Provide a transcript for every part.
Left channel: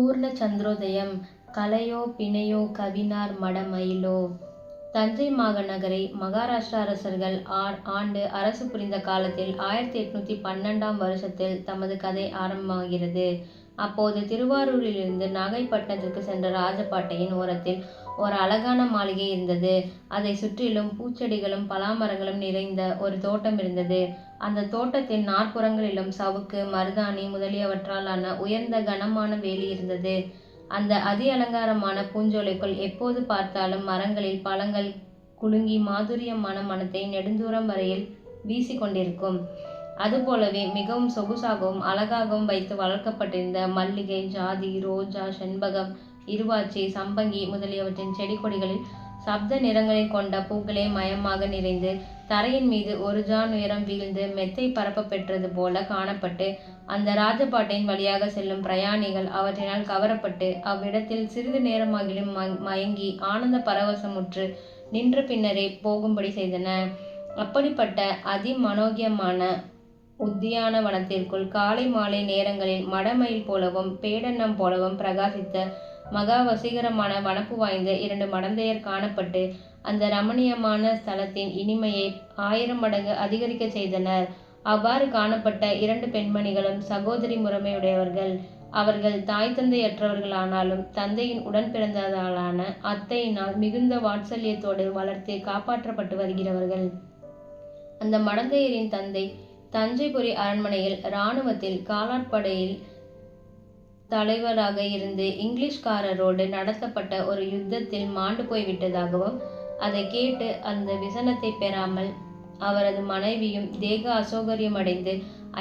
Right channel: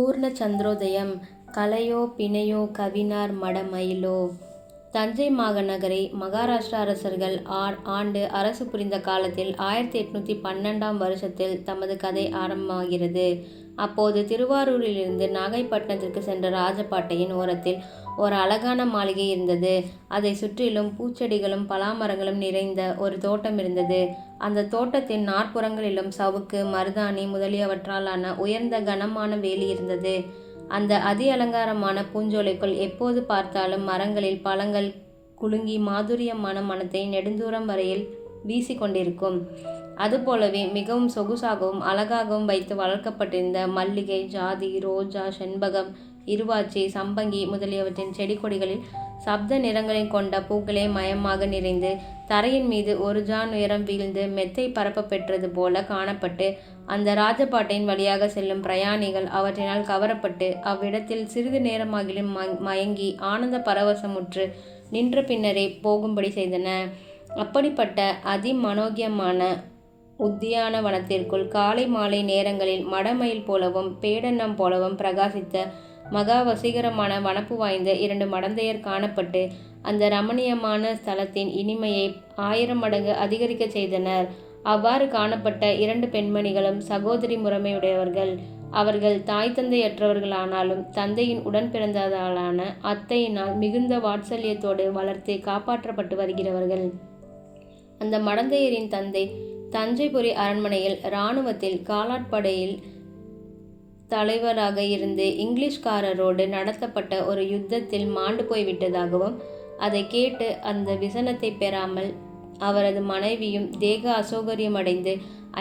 பூர்ண சந்திரோதயம் கலையோ பிணையோ கவினார் மடமயிலோ தஞ்சை மாநகரை மகாராஷ்டிரா அரசர்கள் ஆண்டு அரசு புரிந்த காலத்தில் ஆயிரத்தி எட்நூத்தி பன்னெண்டாம் வருஷத்தில் தமது கதை ஆரம்பமாகிறது. அப்போது திருவாரூரிலிருந்து நாகைப்பட்டினத்திற்கு சென்ற ராஜபாட்டையின் ஓரத்தில் ஒரு அழகான மாளிகை இருந்தது. அதை சுற்றிலும் பூச்செடிகளும் பலாமரங்களும் நிறைந்த ஒரு தோட்டம் இருந்தது. அந்த தோட்டத்தின் நாற்புறங்களிலும் சவுக்கு, மருதாணி முதலியவற்றாலான உயர்ந்த கனமான வேலி இருந்தது. அந்த அதி அலங்காரமான பூஞ்சோலைக்குள் எப்போது பார்த்தாலும் மரங்களில் பழங்கள் குலுங்கி மாதுரியமான மனத்தை நெடுந்தூரம் வரையில் வீசிக்கொண்டிருக்கும் அதுபோலவே மிகவும் சொகுசாகவும் அழகாகவும் வைத்து வளர்க்கப்பட்டிருந்த மல்லிகை, ஜாதி, ரோஜா, செண்பகம், இருவாச்சி சம்பங்கி முதலியவற்றின் செடி கொடிகளில் சப்த நிறங்களைக் கொண்ட பூக்களே மயமாக நிறைந்து, தரையின் மீது ஒரு ஜான் உயரம் வீழ்ந்து மெத்தை பரப்ப பெற்றது போல காணப்பட்டு, அந்த ராஜபாட்டையின் வழியாக செல்லும் பிரயாணிகள் அவற்றினால் கவரப்பட்டு, அவ்விடத்தில் சிறிது நேரமாகிலும் மயங்கி ஆனந்த பரவசமுற்று நின்ற பின்னரே போகும்படி செய்தன. அப்படிப்பட்ட அதி மனோக்யமான உத்தியான வனத்திற்குள் காலை மாலை நேரங்களில் மடமயில் போலவும் பேடன்னம் போலவும் பிரகாசித்த மகா வசீகரமான வனப்பு வாய்ந்த இரண்டு மடந்தையர் காணப்பட்டு, அந்த ரமணீயமான ஸ்தலத்தின் இனிமையை ஆயிரம் மடங்கு அதிகரிக்கச் செய்தனர். அவ்வாறு காணப்பட்ட இரண்டு பெண்மணிகளும் சகோதரி முறைமையுடையவர்கள். அவர்கள் தாய் தந்தையற்றவர்களானாலும் தந்தையின் உடன்பிறந்தவளான அத்தையினால் மிகுந்த வாட்சல்யத்தோடு வளர்த்து காப்பாற்றப்பட்டு வருகிறவர்கள். அந்த மடந்தையரின் தந்தை தஞ்சைபுரி அரண்மனையில் இராணுவத்தில் காலாட்படையில் தலைவராக இருந்து இங்கிலீஷ்காரரோடு நடத்தப்பட்ட ஒரு யுத்தத்தில் மாண்டு போய்விட்டதாகவும், அதை கேட்டு அந்த விசனத்தை பெறாமல் அவரது மனைவியும் தேக அசௌகரியமடைந்து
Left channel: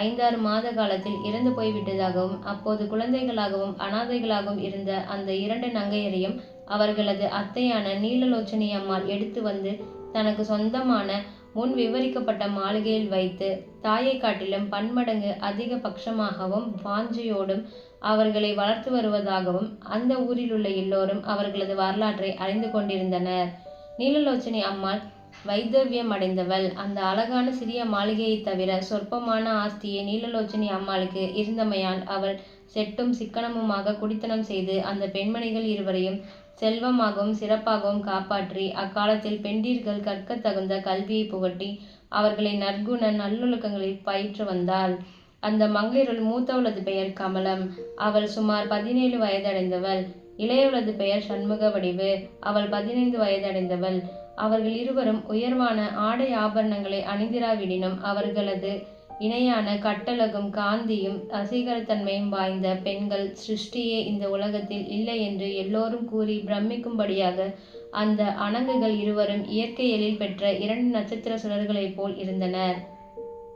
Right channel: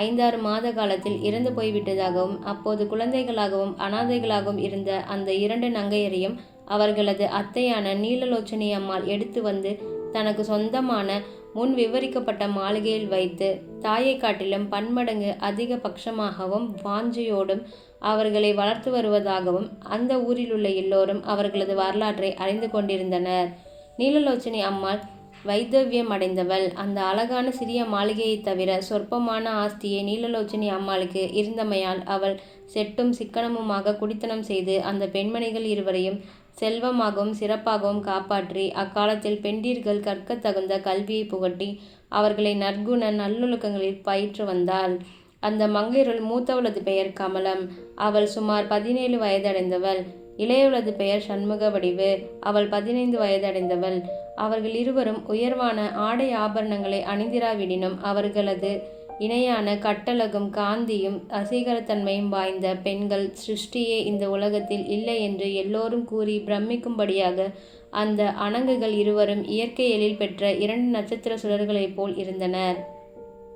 ஐந்தாறு மாத காலத்தில் இறந்து போய்விட்டதாகவும், அப்போது குழந்தைகளாகவும் அனாதைகளாகவும் இருந்த அந்த இரண்டு நங்கையரையும் அவர்களது அத்தையான நீலலோச்சனி அம்மாள் எடுத்து வந்து தனக்கு சொந்தமான முன் விவரிக்கப்பட்ட மாளிகையில் வைத்து, தாயை காட்டிலும் பன்மடங்கு அதிக பட்சமாகவும் வாஞ்சியோடும் அவர்களை வளர்த்து வருவதாகவும் அந்த ஊரில் உள்ள எல்லோரும் அவர்களது வரலாற்றை அறிந்து கொண்டிருந்தனர். நீலலோச்சனி அம்மாள் வைதவ்யமடைந்தவள். அந்த அழகான சிறிய மாளிகையைத் தவிர சொற்பமான ஆஸ்தியை நீலலோச்சனி அம்மாளுக்கு இருந்தமையால் அவள் செட்டும் சிக்கனமுமாக குடித்தனம் செய்து அந்த பெண்மணிகள் இருவரையும் செல்வமாகவும் சிறப்பாகவும் காப்பாற்றி, அக்காலத்தில் பெண்டீர்கள் கற்கத் தகுந்த கல்வியை புகட்டி, அவர்களை நற்குண நல்லொழுக்கங்களில் பயிற்று வந்தாள். அந்த மங்கையருள் மூத்தவளது பெயர் கமலம். அவள் சுமார் பதினேழு வயதடைந்தவள். இளையவளது பெயர் சண்முக வடிவு அவள் பதினைந்து வயதடைந்தவள். அவர்கள் இருவரும் உயர்வான ஆடை ஆபரணங்களை அணிந்திராவிடினும் அவர்களது இணையான கட்டழகும் காந்தியும் அசீகரத்தன்மையும் வாய்ந்த பெண்கள் சிருஷ்டியே இந்த உலகத்தில் இல்லை என்று எல்லோரும் கூறி பிரமிக்கும்படியாக அந்த அணங்குகள் இருவரும் இயற்கை எழில் பெற்ற இரண்டு நட்சத்திர சுடர்களைப் போல் இருந்தனர்.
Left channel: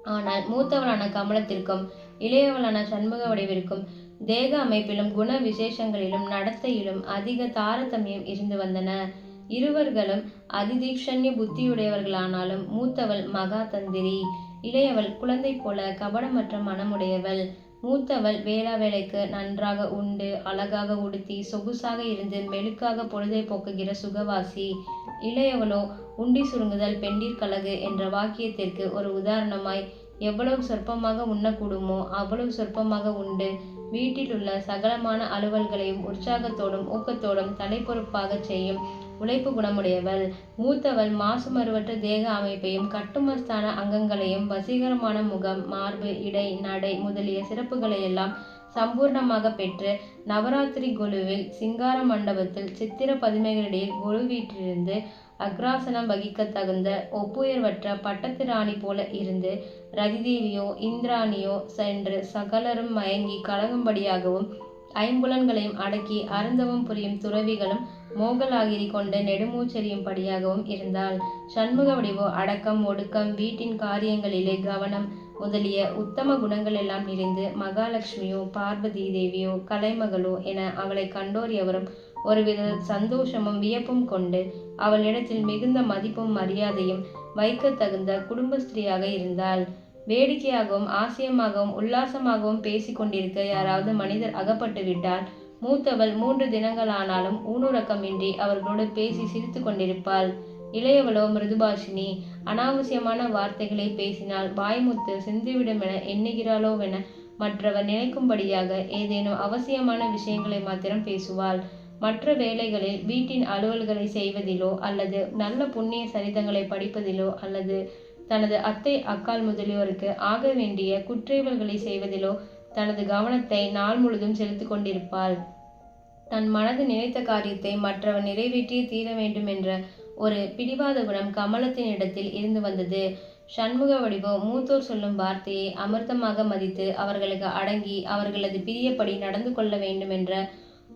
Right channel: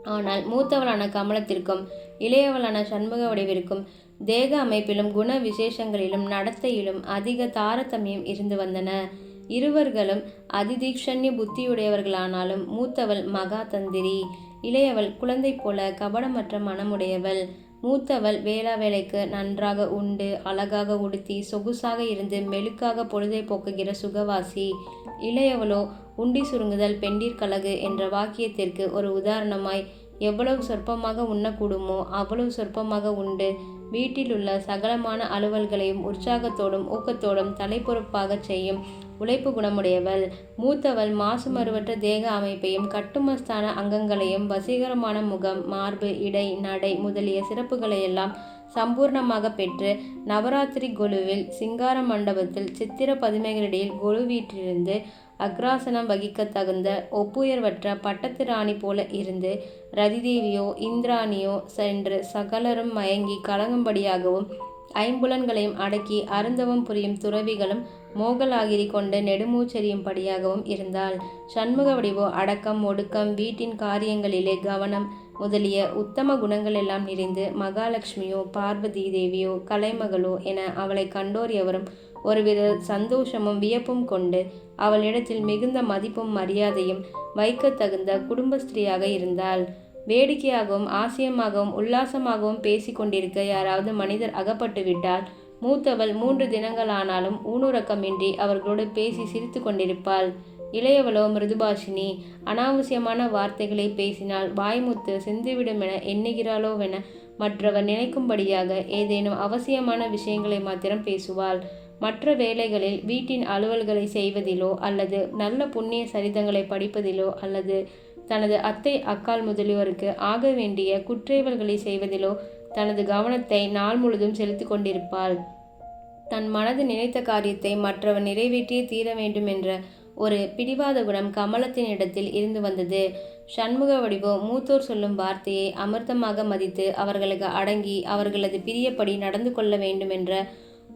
ஆனால் மூத்தவளான கமலத்திற்கும் இளையவளான சண்முக வடிவிற்கும் தேக அமைப்பிலும் குண விசேஷங்களிலும் நடத்தையிலும் அதிக தாரதமியம் இருந்து வந்தன. இருவர்களும் அதிதீக்ஷண்ய புத்தியுடையவர்களானாலும் மூத்தவள் மகா தந்திரி. இளையவள் குழந்தை போல கபடமற்ற மனமுடையவள். மூத்தவள் வேளா வேலைக்கு நன்றாக உண்டு, அழகாக உடுத்தி, சொகுசாக இருந்து மெழுக்காக பொழுதை போக்குகிற சுகவாசி. இளையவளோ உண்டி சுருங்குதல் பெண்டிர்க்கழகு என்ற வாக்கியத்திற்கு ஒரு உதாரணமாய், எவ்வளவு சொற்பமாக உண்ணக்கூடுமோ அவ்வளவு சொற்பமாக உண்டு, வீட்டில் உள்ள சகலமான அலுவல்களையும் உற்சாகத்தோடும் ஊக்கத்தோடும் தலைப்பொறுப்பாகச் செய்யும் உழைப்பு குணமுடையவள். மூத்தவள் மாசுமறுவற்ற தேக அமைப்பையும் கட்டுமஸ்தான அங்கங்களையும் வசீகரமான முகம், மார்பு, இடை, நடை முதலிய சிறப்புகளையெல்லாம் சம்பூர்ணமாக பெற்று, நவராத்திரி கொலுவில் சிங்கார மண்டபத்தில் சித்திர பதுமைகளிடையில் கொலு வீட்டிலிருந்து அக்ராசனம் வகிக்க தகுந்த ஒப்புயர்வற்ற பட்டத்து ராணி போல இருந்து, ரதிதேவியோ இந்திராணியோ சென்று சகலரும் மயங்கி கலங்கும்படியாகவும், ஐம்புலன்களையும் அடக்கி அருந்தவம் புரியும் துறவிகளும் மோகலாகிரி கொண்டு நெடுமூச்செறியும்படியாகவும் இருந்தாள். சண்முகவடிவோ அடக்கம், ஒடுக்கம், வீட்டின் காரியங்களிலே கவனம் முதலிய உத்தம குணங்களெல்லாம் நிறைந்து, மகாலக்ஷ்மியோ பார்வதி தேவியோ கலைமகளோ என அவளை கண்டோர் எவரும் ஒருவித சந்தோஷமும் வியப்பும் கொண்டு, அவளிடத்தில் மிகுந்த மதிப்பும் மரியாதையும் வைக்கத் தகுந்த குடும்ப ஸ்திரீயாக இருந்தாள். வேடிக்கையாகவும் ஆச்சரியமாகவும் உல்லாசமாகவும் பேசிக் கொண்டிருக்க யாராவது மனிதர் அகப்பட்டுவிட்டால், மூத்தவள் மூன்று தினங்களானாலும் ஊணுறக்கமின்றி அவர்களோடு பேசிச் சிரித்துக் கொண்டிருப்பாள். இளையவளோ மிருதுபாஷினி அனாவசியமான வார்த்தைகளை பேசினால் வாய்முத்து சிந்திவிடுமென எண்ணுகிறாளோவென மற்றவர் நினைக்கும்படியாக ஏதேனும் அவசியமான விஷயங்களை மாத்திரம் பேசுவாள் மற்ற வேலைகளில் வீட்டின் அலுவல்களை செய்வதிலோ அல்லது நல்ல புண்ணிய சரிதங்களை படிப்பதிலோ அல்லது தனது அத்தை அக்கால் முதலியோருக்கு ஆக வேண்டிய குற்றேவல்களை செய்வதிலோ தனது கவனத்தை நாள் முழுதும் செலுத்தி கொண்டிருப்பாள். தன் மனது நினைத்த காரியத்தை மற்றவன் நிறைவேற்றியே தீர வேண்டும் என்ற ஒரு பிடிவாத குணம் கமலத்தின் இடத்தில் இருந்து வந்தது. சண்முக வடிவோ மூத்தோர் சொல்லும் வார்த்தையை அமிர்தமாக மதித்து அவர்களுக்கு அடங்கி அவர்களது பிரியப்படி நடந்து கொள்ள வேண்டும் என்ற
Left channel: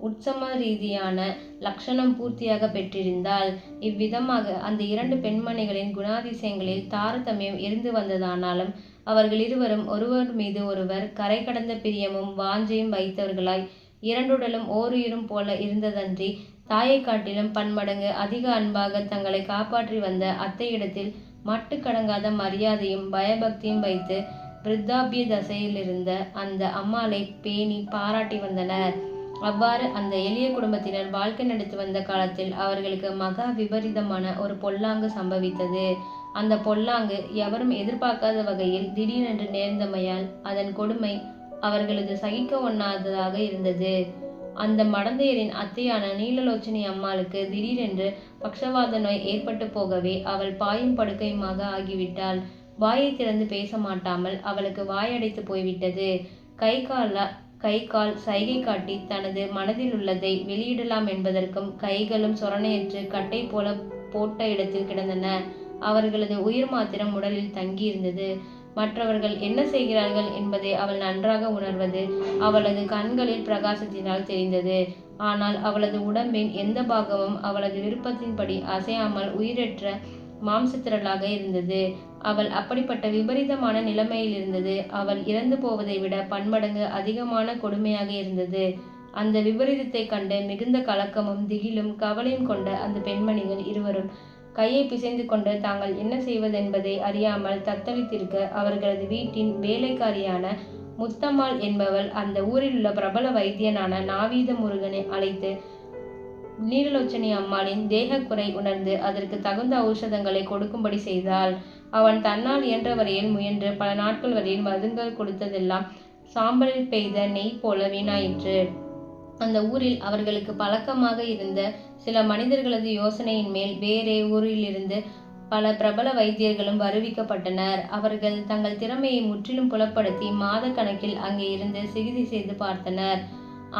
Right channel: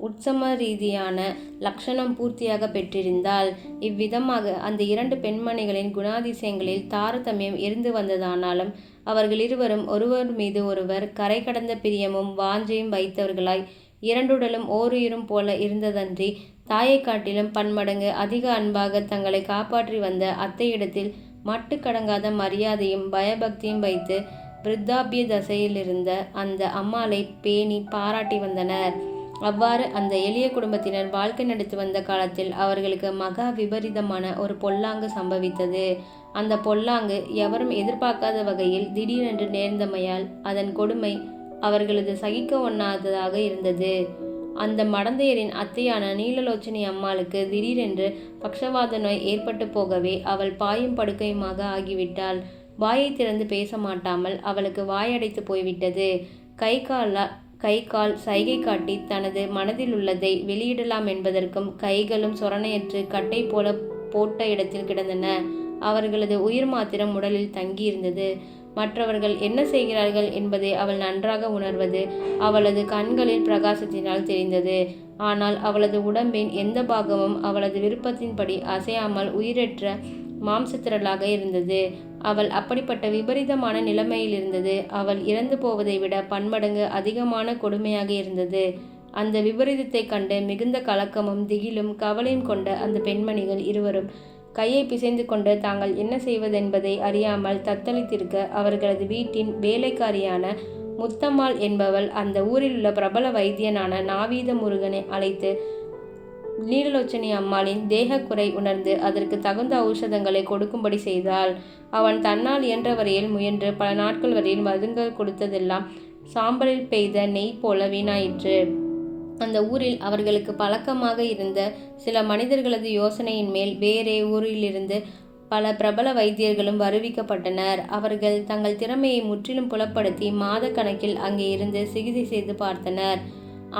உற்சம ரீதியான லக்ஷணம் பூர்த்தியாக பெற்றிருந்தால் இவ்விதமாக அந்த இரண்டு பெண்மணிகளின் குணாதிசயங்களில் தாரதமியம் இருந்து வந்ததானாலும் அவர்கள் இருவரும் ஒருவர் மீது ஒருவர் கரை கடந்த பிரியமும் வாஞ்சையும் வைத்தவர்களாய் இரண்டுடலும் ஓருயிரும் போல இருந்ததன்றி தாயை காட்டிலும் பன்மடங்கு அதிக அன்பாக தங்களை காப்பாற்றி வந்த அத்தையிடத்தில் மட்டுக்கடங்காத மரியாதையும் பயபக்தியும் வைத்து விருத்தாபிய தசையிலிருந்த அந்த அம்மாளை பேணி பாராட்டி வந்தனர். அவ்வாறு அந்த எளிய குடும்பத்தினர் வாழ்க்கை நடத்தி வந்த காலத்தில் அவர்களுக்கு மகா விபரீதமான ஒரு பொல்லாங்கு சம்பவித்தது. அந்த பொல்லாங்கு எவரும் எதிர்பார்க்காத வகையில் திடீரென்று நேர்ந்தமையால் அதன் கொடுமை அவர்களது சகிக்க ஒண்ணாததாக இருந்தது. அந்த மடந்தையரின் அத்தையான நீலலோச்சனி அம்மாளுக்கு திடீரென்று பக்ஷவாத நோய் ஏற்பட்டு போகவே அவள் பாயும் படுக்கையுமாக ஆகிவிட்டாள். வாயை திறந்து பேச மாட்டாமல் அவளுக்கு வாயடைத்து போய்விட்டது. கை கால கை கால் சைகை காட்டி தனது மனதில் உள்ளதை வெளியிடலாம் என்பதற்கும் கைகளும் சொரணையற்று கட்டை போல போட்ட இடத்தில் கிடந்தன. அவர்களது உயிர் மாத்திரம் உடலில் தங்கியிருந்தது. மற்றவர்கள் என்ன செய்கிறார்கள் என்பதை அவள் நன்றாக உணர்வது அவளது கண்களில் பிரகாசத்தினால் தெரிந்தது. ஆனால் அவளது உடம்பின் எந்த பாகமும் அவளது விருப்பத்தின்படி அசையாமல் உயிரற்ற மாம்சத்திரளாக இருந்தது. அவள் அப்படிப்பட்ட விபரீதமான நிலைமையில் இருந்தது. அவள் இறந்து போவதை விட பன்மடங்கு அதிகமான கொடுமையாக இருந்தது. அந்த விபரீதத்தை கண்டு மிகுந்த கலக்கமும் திகிலும் கவலையும் கொண்ட அந்த பெண்மணிகள் இருவரும் கையை பிசைந்து கொண்டு தாங்கள் என்ன செய்வதென்பதை அறியாமல் தத்தளித்திருக்க அவர்களது வீட்டின் வேலைக்காரியான முத்தம்மாள் என்பவள் அந்த ஊரில் உள்ள பிரபல வைத்தியனான நாவீத முருகனை அழைத்து நீலலோச்சனி அம்மாளின் தேகக்குறை உணர்ந்து அதற்கு தகுந்த ஔஷதங்களை கொடுக்கும்படி செய்தாள். அவன் தன்னால் இயன்ற வரையில் முயன்று பல நாட்கள் வரையில் மருந்துகள் கொடுத்ததெல்லாம் சாம்பலில் பெய்த நெய் போல வீணாயிற்று. அந்த ஊரில் அவர்களுக்கு பழக்கமாக இருந்த சில மனிதர்களது யோசனையின் மேல் வேறே ஊரிலிருந்து பல பிரபல வைத்தியர்களும் வருவிக்கப்பட்டனர். அவர்கள் தங்கள் திறமையை முற்றிலும் புலப்படுத்தி மாத கணக்கில் அங்கே இருந்து சிகிச்சை செய்து பார்த்தனர்.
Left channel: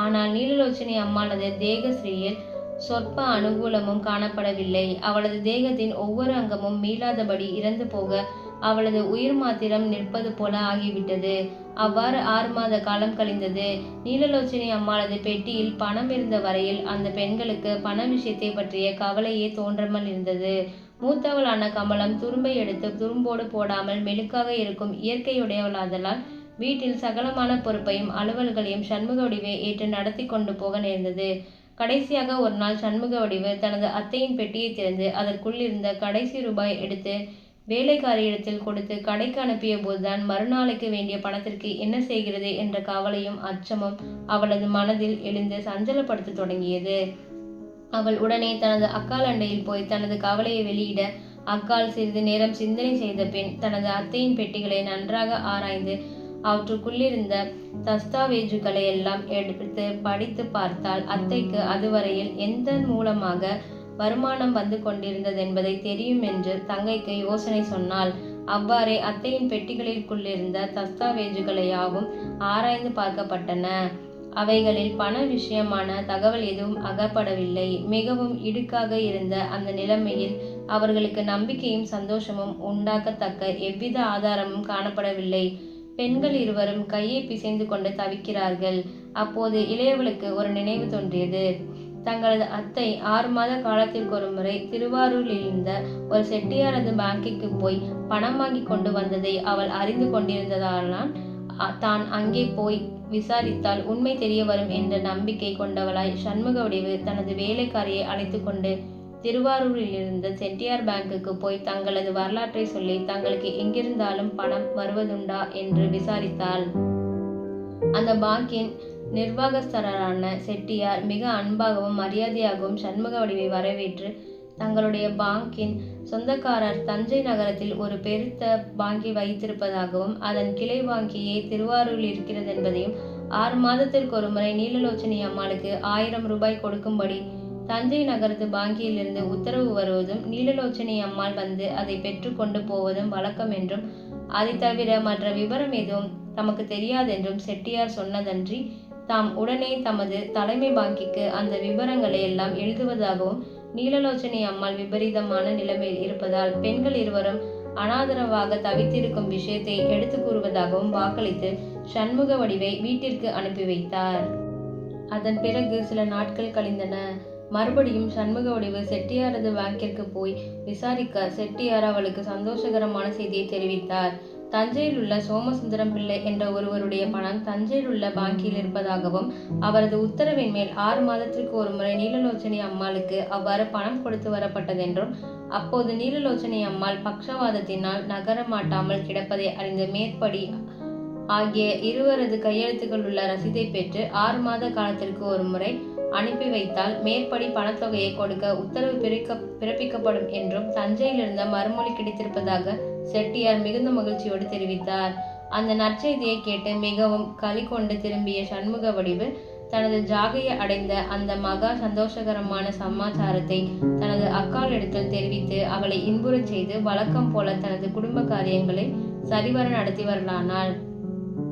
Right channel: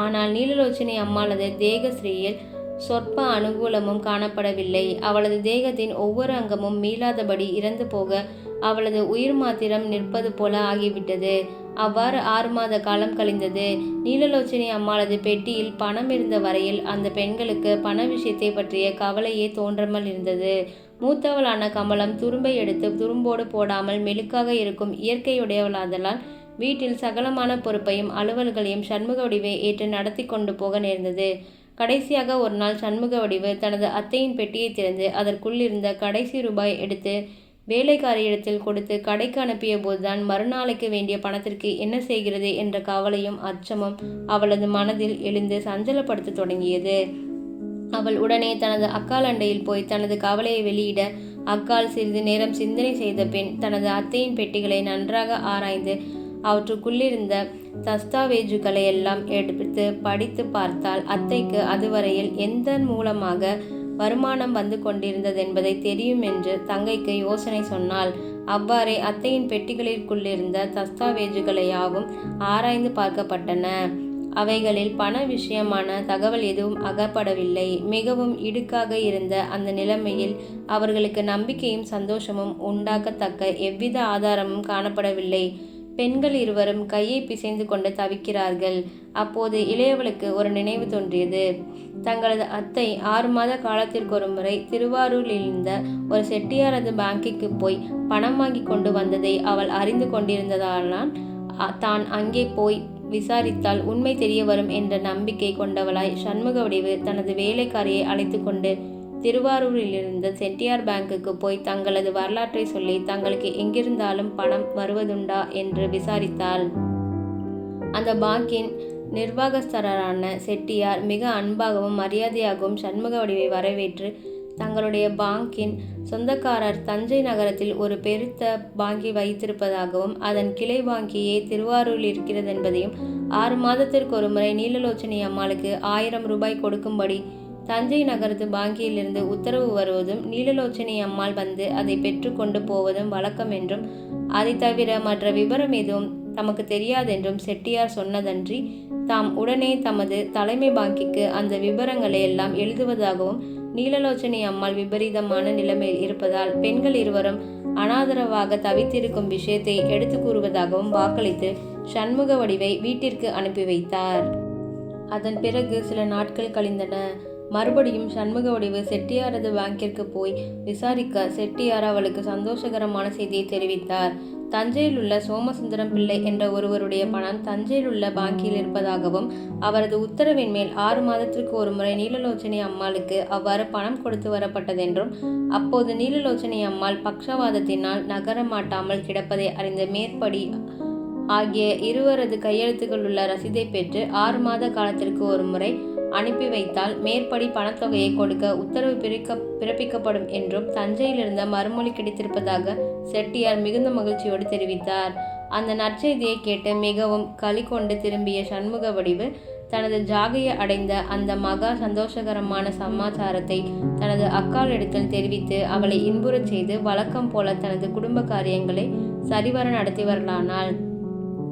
ஆனால் நீலலோச்சனை அம்மானது தேகஸ்ரீயில் சொற்ப அனுகூலமும் காணப்படவில்லை. அவளது தேகத்தின் ஒவ்வொரு அங்கமும் மீளாதபடி இறந்து போக அவளது உயிர் மாத்திரம் நிற்பது போல ஆகிவிட்டது. அவ்வாறு ஆறு மாத காலம் கழிந்தது. நீலலோச்சனி அம்மாளது பெட்டியில் பணம் இருந்த வரையில் அந்த பெண்களுக்கு பண விஷயத்தை பற்றிய கவலையே தோன்றாமல் இருந்தது. மூத்தவளான கமலம் துரும்பை எடுத்து துரும்போடு போடாமல் மெழுக்காக இருக்கும் இயற்கையுடையவளாதலால் வீட்டில் சகலமான பொறுப்பையும் அலுவல்களையும் சண்முக வடிவை ஏற்று நடத்தி கொண்டு போக நேர்ந்தது. கடைசியாக ஒரு நாள் சண்முக வடிவு தனது அத்தையின் பெட்டியை திறந்து அதற்குள் இருந்த கடைசி ரூபாய் எடுத்து வேலைக்காரியிடத்தில் கொடுத்து கடைக்கு அனுப்பிய போதுதான் மறுநாளைக்கு வேண்டிய பணத்திற்கு என்ன செய்கிறது என்ற கவலையும் அச்சமும் அவளது மனதில் எழுந்து சஞ்சலப்படுத்த தொடங்கியது. அவள் உடனே தனது அக்கால் அண்டையில் போய் தனது கவலையை வெளியிட அக்கால் சிறிது நேரம் சிந்தனை செய்த பின் தனது அத்தையின் பெட்டிகளை நன்றாக ஆராய்ந்து அவற்றுக்குள்ளிருந்த தஸ்தாவேஜுகளை எல்லாம் எடுத்து படித்து பார்த்தால் அத்தைக்கு அதுவரையில் எந்த மூலமாக வருமானம் வந்து கொண்டிருந்தது என்பதை தெரியும் என்று தங்கைக்கு யோசனை சொன்னால் அவ்வாறே அத்தையின் பெட்டிகளிற்குள்ளிருந்த தஸ்தாவேஜுகளையாவும் ஆராய்ந்து பார்க்கப்பட்டன. அவைகளில் பண விஷயமான தகவல் எதுவும் அகப்படவில்லை. மிகவும் இடுக்காக இருந்த அந்த நிலைமையில் அவர்களுக்கு நம்பிக்கையும் சந்தோஷமும் உண்டாக்கத்தக்க எவ்வித ஆதாரமும் காணப்படவில்லை. பெண்கள் இருவரும் கையை பிசைந்து கொண்டு தவிக்கிறார்கள். அப்போது இளையவளுக்கு ஒரு நினைவு தோன்றியது. தங்களது அத்தை ஆறு மாத காலத்திற்கு ஒரு முறை திருவாரூரில் இருந்த ஒரு செட்டியாரது பேங்கிக்கு போய் பணம் வாங்கி கொண்டு வந்ததை அவள் அறிந்து கொண்டிருந்ததானால் தான் அங்கே போய் விசாரித்தால் உண்மை தெரிய வரும் என்ற நம்பிக்கை கொண்டவளாய் சண்முக வடிவு தனது வேலைக்காரியை அழைத்து கொண்டு திருவாரூரில் இருந்த செட்டியார் பேங்குக்கு போய் தங்களது வரலாற்றை சொல்லி தங்களுக்கு எங்கிருந்தாலும் பணம் வருவதுண்டா என்று விசாரித்தாள். அந்த பாங்கின் நிர்வாகஸ்தரான செட்டியார் மிக அன்பாகவும் மரியாதையாகவும் சண்முக வடிவை வரவேற்று தங்களுடைய பாங்கின் சொந்தக்காரர் தஞ்சை நகரத்தில் ஒரு பெருத்த பாங்கி வைத்திருப்பதாகவும் அதன் கிளை வாங்கியே திருவாரூரில் இருக்கிறது என்பதையும் ஆறு மாதத்திற்கு ஒரு முறை நீலலோச்சனி அம்மாளுக்கு ஆயிரம் ரூபாய் கொடுக்கும்படி தஞ்சை நகரத்து பாங்கியிலிருந்து உத்தரவு வருவதும் நீலலோச்சனி அம்மாள் வந்து அதை பெற்றுக்கொண்டு போவதும் வழக்கம் என்றும் அதை தவிர மற்ற விவரம் எதுவும் தமக்கு தெரியாதென்றும் செட்டியார் சொன்னதன்றி தாம் உடனே தமது தலைமை பாங்கிக்கு அந்த விவரங்களை எல்லாம் எழுதுவதாகவும் நீலலோச்சனி அம்மாள் விபரீதமான நிலைமையில் இருப்பதால் பெண்கள் இருவரும் அனாதரவாக தவித்திருக்கும் விஷயத்தை எடுத்து கூறுவதாகவும் வாக்களித்து சண்முக வடிவை வீட்டிற்கு அனுப்பி வைத்தார். அதன் பிறகு சில நாட்கள் கழிந்தன. மறுபடியும் சண்முக வடிவு செட்டியாரது பேங்கிற்கு போய் விசாரிக்க செட்டியார் அவளுக்கு சந்தோஷகரமான செய்தியை தெரிவித்தார். தஞ்சையில் உள்ள சோமசுந்தரம் பிள்ளை என்ற ஒருவருடைய பணம் தஞ்சையில் உள்ள பாங்கியில் இருப்பதாகவும் அவரது உத்தரவின் மேல் ஆறு மாதத்திற்கு ஒரு முறை நீலலோச்சனி அம்மாளுக்கு அவ்வாறு பணம் கொடுத்து வரப்பட்டதென்றும் அப்போது நீலலோச்சனை அம்மாள் பக்ஷவாதத்தினால் நகர மாட்டாமல் கிடப்பதை அறிந்த மேற்படி ஆகிய இருவரது கையெழுத்துக்கள் உள்ள ரசீதை பெற்று ஆறு மாத காலத்திற்கு ஒரு முறை அனுப்பி வைத்தால் மேற்படி பணத்தொகையை கொடுக்க உத்தரவு பிறக்க பிறப்பிக்கப்படும் என்றும் தஞ்சையிலிருந்த மறுமொழி கிடைத்திருப்பதாக செட்டியார் மிகுந்த மகிழ்ச்சியோடு தெரிவித்தார். அந்த நற்செய்தியை கேட்டு மிகவும் களி கொண்டு திரும்பிய சண்முக வடிவு தனது ஜாகையை அடைந்த அந்த மகா சந்தோஷகரமான சமாச்சாரத்தை தனது அக்காளிடத்தில் தெரிவித்து அவளை இன்புறச் செய்து வழக்கம் போல தனது குடும்ப காரியங்களை சரிவர நடத்தி வரலானாள்.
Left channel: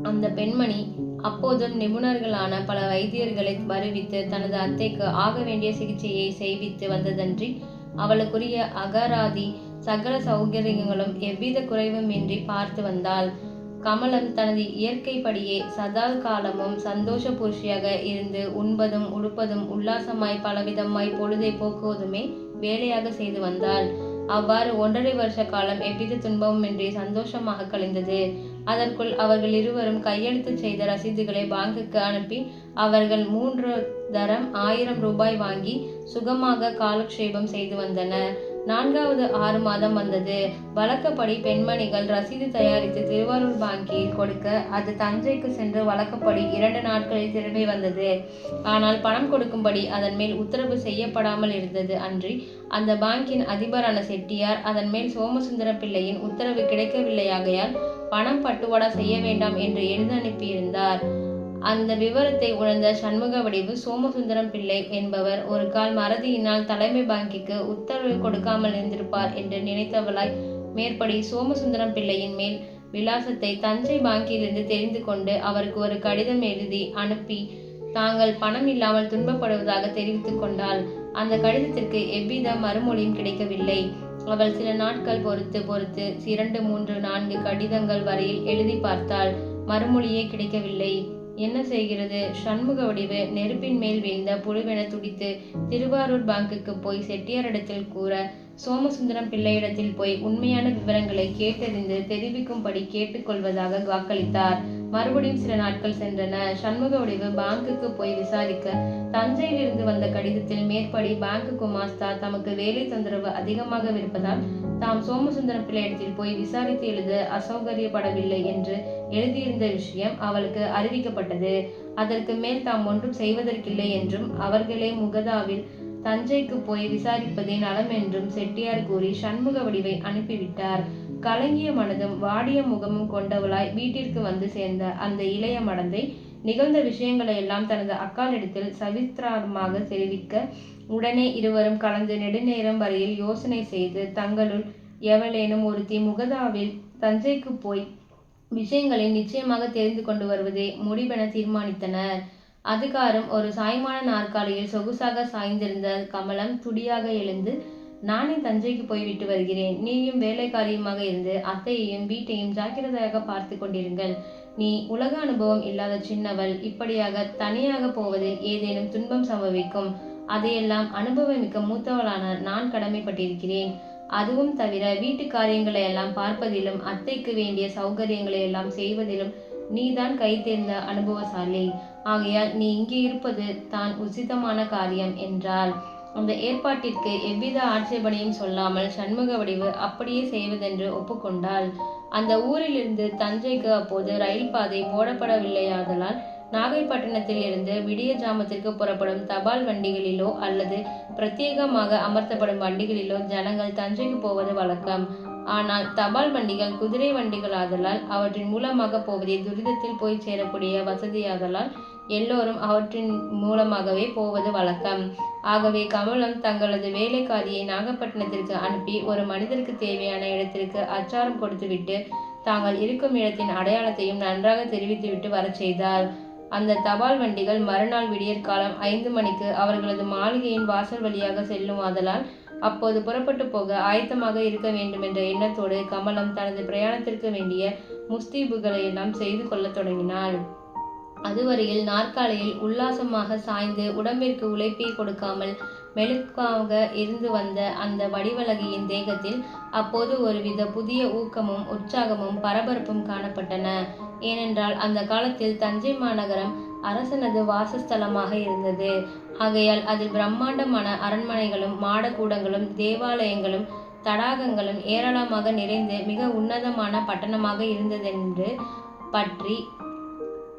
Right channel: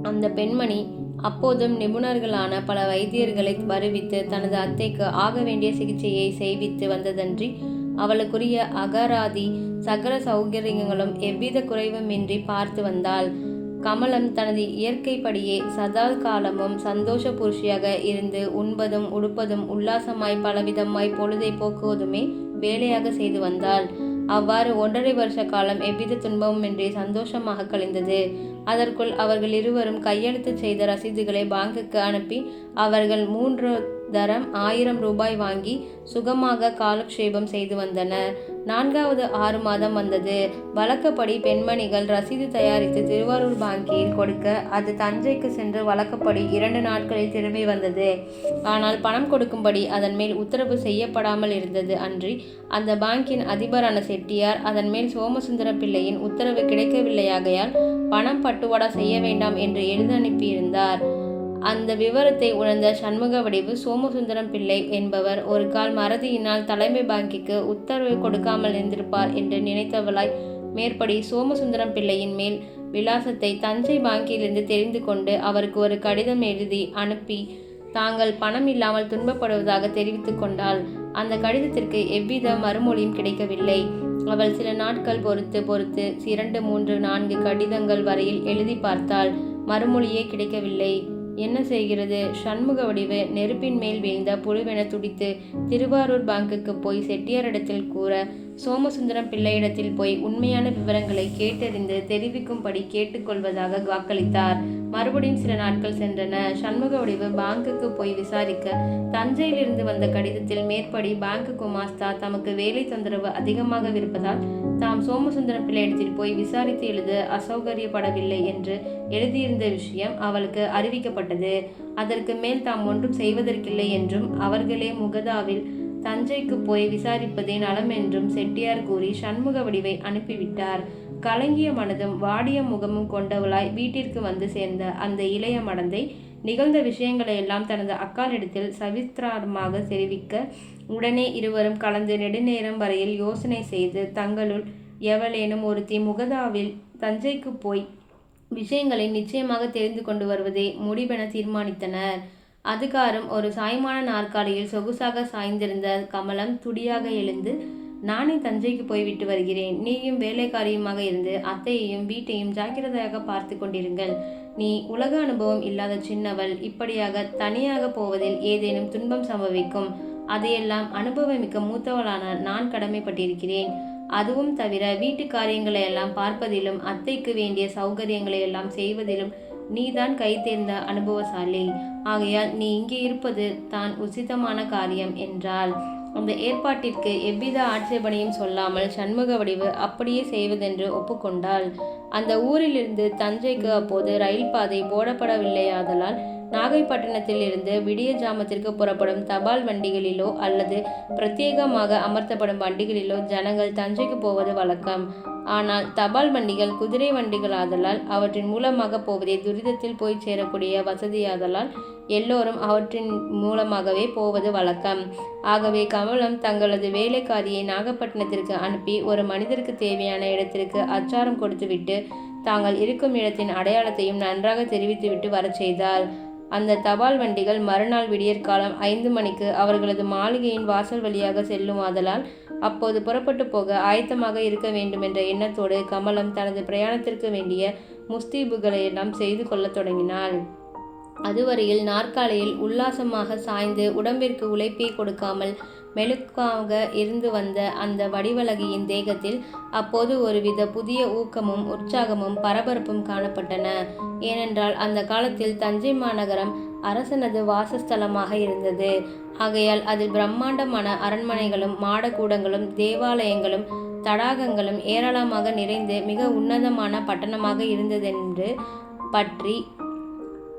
அந்த பெண்மணி அப்போதும் நிபுணர்களான பல வைத்தியர்களை வருவித்து தனது அத்தைக்கு ஆக வேண்டிய சிகிச்சையை செய்வித்து வந்ததன்றி அவளுக்குரிய அகராதி சகல சௌகரியங்களும் எவ்வித குறைவுமின்றி பார்த்து வந்தாள். கமலம் தனது இயற்கைப்படியே சதா காலமும் சந்தோஷ புருஷியாக இருந்து உண்பதும் உடுப்பதும் உல்லாசமாய் பலவிதமாய் பொழுதை போக்குவதுமே வேலையாக செய்து வந்தாள். அவ்வாறு ஒன்றரை வருஷ காலம் எவ்வித துன்பமும் இன்றி சந்தோஷமாக கழிந்தது. அதற்குள் அவர்கள் இருவரும் கையெழுத்து செய்த ரசீதுகளை பாங்குக்கு அனுப்பி அவர்கள் மூன்று தரம் ஆயிரம் ரூபாய் வாங்கி சுகமாக காலக்ஷேபம் செய்து வந்தனர். நான்காவது ஆறு மாதம் வந்தது. வழக்கப்படி பெண்மணிகள் ரசீது தயாரித்து திருவாரூர் வங்கியில் கொடுக்க அது தஞ்சைக்கு சென்று வழக்கப்படி இரண்டு நாட்களில் திரும்பி வந்தது. ஆனால் பணம் கொடுக்கும்படி அதன் மேல் உத்தரவு செய்யப்படாமல் இருந்தது அன்றி அந்த பாங்கின் அதிபரான செட்டியார் அதன் மேல் சோமசுந்தர பிள்ளையின் உத்தரவு கிடைக்கவில்லையாகையால் பணம் பட்டுவாடா செய்ய வேண்டாம் என்று எழுதி அனுப்பியிருந்தார். அந்த விவரத்தை உணர்ந்த சண்முக வடிவு சோமசுந்தரம் பிள்ளை என்பவர் ஒரு கால் மறதியினால் தலைமை பாங்கிக்கு உத்தரவு கொடுக்காமல் இருந்திருப்பார் என்று நினைத்தவளாய் மேற்படி சோமசுந்தரம் பிள்ளையின் மேல் விலாசத்தை தஞ்சை பாங்கியிலிருந்து தெரிந்து கொண்டு அவருக்கு ஒரு கடிதம் எழுதி அனுப்பி தாங்கள் பணம் இல்லாமல் துன்பப்படுவதாக தெரிவித்து கொண்டாள். அந்த கடிதத்திற்கு எவ்வித மறுமொழியும் கிடைக்கவில்லை. அவள் சில நாட்கள் பொறுத்து பொறுத்து இரண்டு மூன்று நான்கு கடிதங்கள் வரையில் எழுதி பார்த்தாள். மறுமொழியே கிடைக்கவில்லை. என்ன செய்கிறது? சண்முக வடிவு நெருப்பின் மேல் வீழ்ந்த புழுவென துடித்து திருவாரூர் பாங்குக்கு போய் செட்டியாரிடத்தில் கூற சோமசுந்தரம் பிள்ளையிடத்தில் போய் உண்மையான விவரங்களை கேட்டறிந்து தெரிவிக்கும்படி கேட்டுக்கொள்வதாக வாக்களித்தார். மறுபடியும் சில நாட்கள் சென்றன. சண்முக வடிவு பாங்குக்கு போய் விசாரிக்க தஞ்சையிலிருந்து வந்த கடிதத்தில் மேற்படி பேங்க் குமாஸ்தா தமக்கு வேலை தொந்தரவு அதிகமாக இருப்பதால் தாம் சோமசுந்தரம் பிள்ளையிடத்தில் போய் விசாரித்து எழுத அசௌகரியப்படவில்லை என்று எழுதியிருந்த விஷயம் அவளுக்கு அறிவிக்கப்பட்டது. அதற்கு மேல் தாம் ஒன்றும் செய்வதற்கில்லை என்றும் அவர்களே முகதாவில் தஞ்சைக்கு போய் விசாரிப்பதே நலம் என்றும் செட்டியார் கூறி சண்முக வடிவை அனுப்பிவிட்டார். கலங்கிய மனதும் வாடிய முகமும் கொண்டவளாய் வீட்டிற்கு வந்து சேர்ந்த அந்த இளைய மடந்தை நிகழ்ந்த விஷயங்களை எல்லாம் தனது அக்காலிடத்தில் சவிஸ்திரமாக தெரிவிக்க உடனே இருவரும் கலந்து நெடுநேரம் வரையில் யோசனை செய்து தங்களுள் எவளேனும் ஒருத்தி முகதாவில் தஞ்சைக்கு போய் விஷயங்களை நிச்சயமாக தெரிந்து கொண்டு வருவதே முடிவென தீர்மானித்தனர். அதுகாரம் ஒரு சாய்மான நாற்காலியில் சொகுசாக சாய்ந்திருந்த கமலம் துடியாக எழுந்து நானே தஞ்சைக்கு போய்விட்டு வருகிறேன். நீயும் வேலைக்காரியுமாக இருந்து அத்தையையும் வீட்டையும் ஜாக்கிரதையாக பார்த்து கொண்டிருங்கள். நீ உலக அனுபவம் இல்லாத சின்னவள். இப்படியாக தனியாக போவதில் ஏதேனும் துன்பம் சம்பவிக்கும். அதையெல்லாம் அனுபவமிக்க மூத்தவளான நான் கடமைப்பட்டிருக்கிறேன். அதுவும் தவிர வீட்டு காரியங்களை எல்லாம் பார்ப்பதிலும் அத்தைக்கு வேண்டிய சௌகரியங்களை எல்லாம் செய்வதிலும் நீதான் கை தேர்ந்த அனுபவசாலி. ஆகையால் நீ இங்கே இருப்பது தான் உசிதமான காரியம் என்றால் அந்த ஏற்பாட்டிற்கு எவ்வித ஆட்சேபனையும் சொல்லாமல் சண்முக வடிவு அப்படியே செய்வதென்று ஒப்புக்கொண்டாள். அந்த ஊரிலிருந்து தஞ்சைக்கு அப்போது ரயில் பாதை போடப்படவில்லையாதலால் நாகைப்பட்டினத்தில் இருந்து விடிய ஜாமத்திற்கு புறப்படும் தபால் வண்டிகளிலோ அல்லது பிரத்யேகமாக அமர்த்தப்படும் வண்டிகளிலோ ஜனங்கள் தஞ்சைக்கு போவது வழக்கம். ஆனால் தபால் வண்டிகள் குதிரை வண்டிகளாதலால் அவற்றின் மூலமாக போவதே துரிதத்தில் போய் சேரக்கூடிய வசதியாதலால் எல்லோரும் அவற்றின் மூலமாகவே போவது வழக்கம். ஆகவே கமலம் தங்களது வேலைக்காரியை நாகப்பட்டினத்திற்கு அனுப்பி ஒரு மனிதருக்கு தேவையான இடத்திற்கு அச்சாரம் கொடுத்துவிட்டு தாங்கள் இருக்கும் இடத்தின் அடையாளத்தையும் நன்றாக தெரிவித்துவிட்டு வரச் செய்தார். அந்த தபால் வண்டிகள் மறுநாள் விடியற்காலம் ஐந்து மணிக்கு அவர்களது மாளிகையின் வாசல் வழியாக செல்லும் ஆதலால் அப்போது புறப்பட்டு போக ஆயத்தமாக இருக்க வேண்டும் என்ற எண்ணத்தோடு கமலம் தனது பிரயாணத்திற்கு வேண்டிய முஸ்தீபுகளை எல்லாம் செய்து கொள்ளத் தொடங்கினாள். அதுவரையில் நாற்காலியில் உல்லாசமாக சாய்ந்து உடம்பிற்கு உழைப்பே கொடுக்காமல் மெழுக்காக இருந்து வந்த அந்த வடிவழகியின் தேகத்தில் அப்போது ஒருவித புதிய ஊக்கமும் உற்சாகமும் பரபரப்பும் காணப்பட்டன. ஏனென்றால் அந்த காலத்தில் தஞ்சை மாநகரம் அரசனது வாசஸ்தலமாக இருந்தது. ஆகையால் அதில் பிரம்மாண்டமான அரண்மனைகளும் மாடக்கூடங்களும் தேவாலயங்களும் தடாகங்களும் ஏராளமாக நிறைந்து மிக உன்னதமான பட்டணமாக இருந்ததென்று பற்றி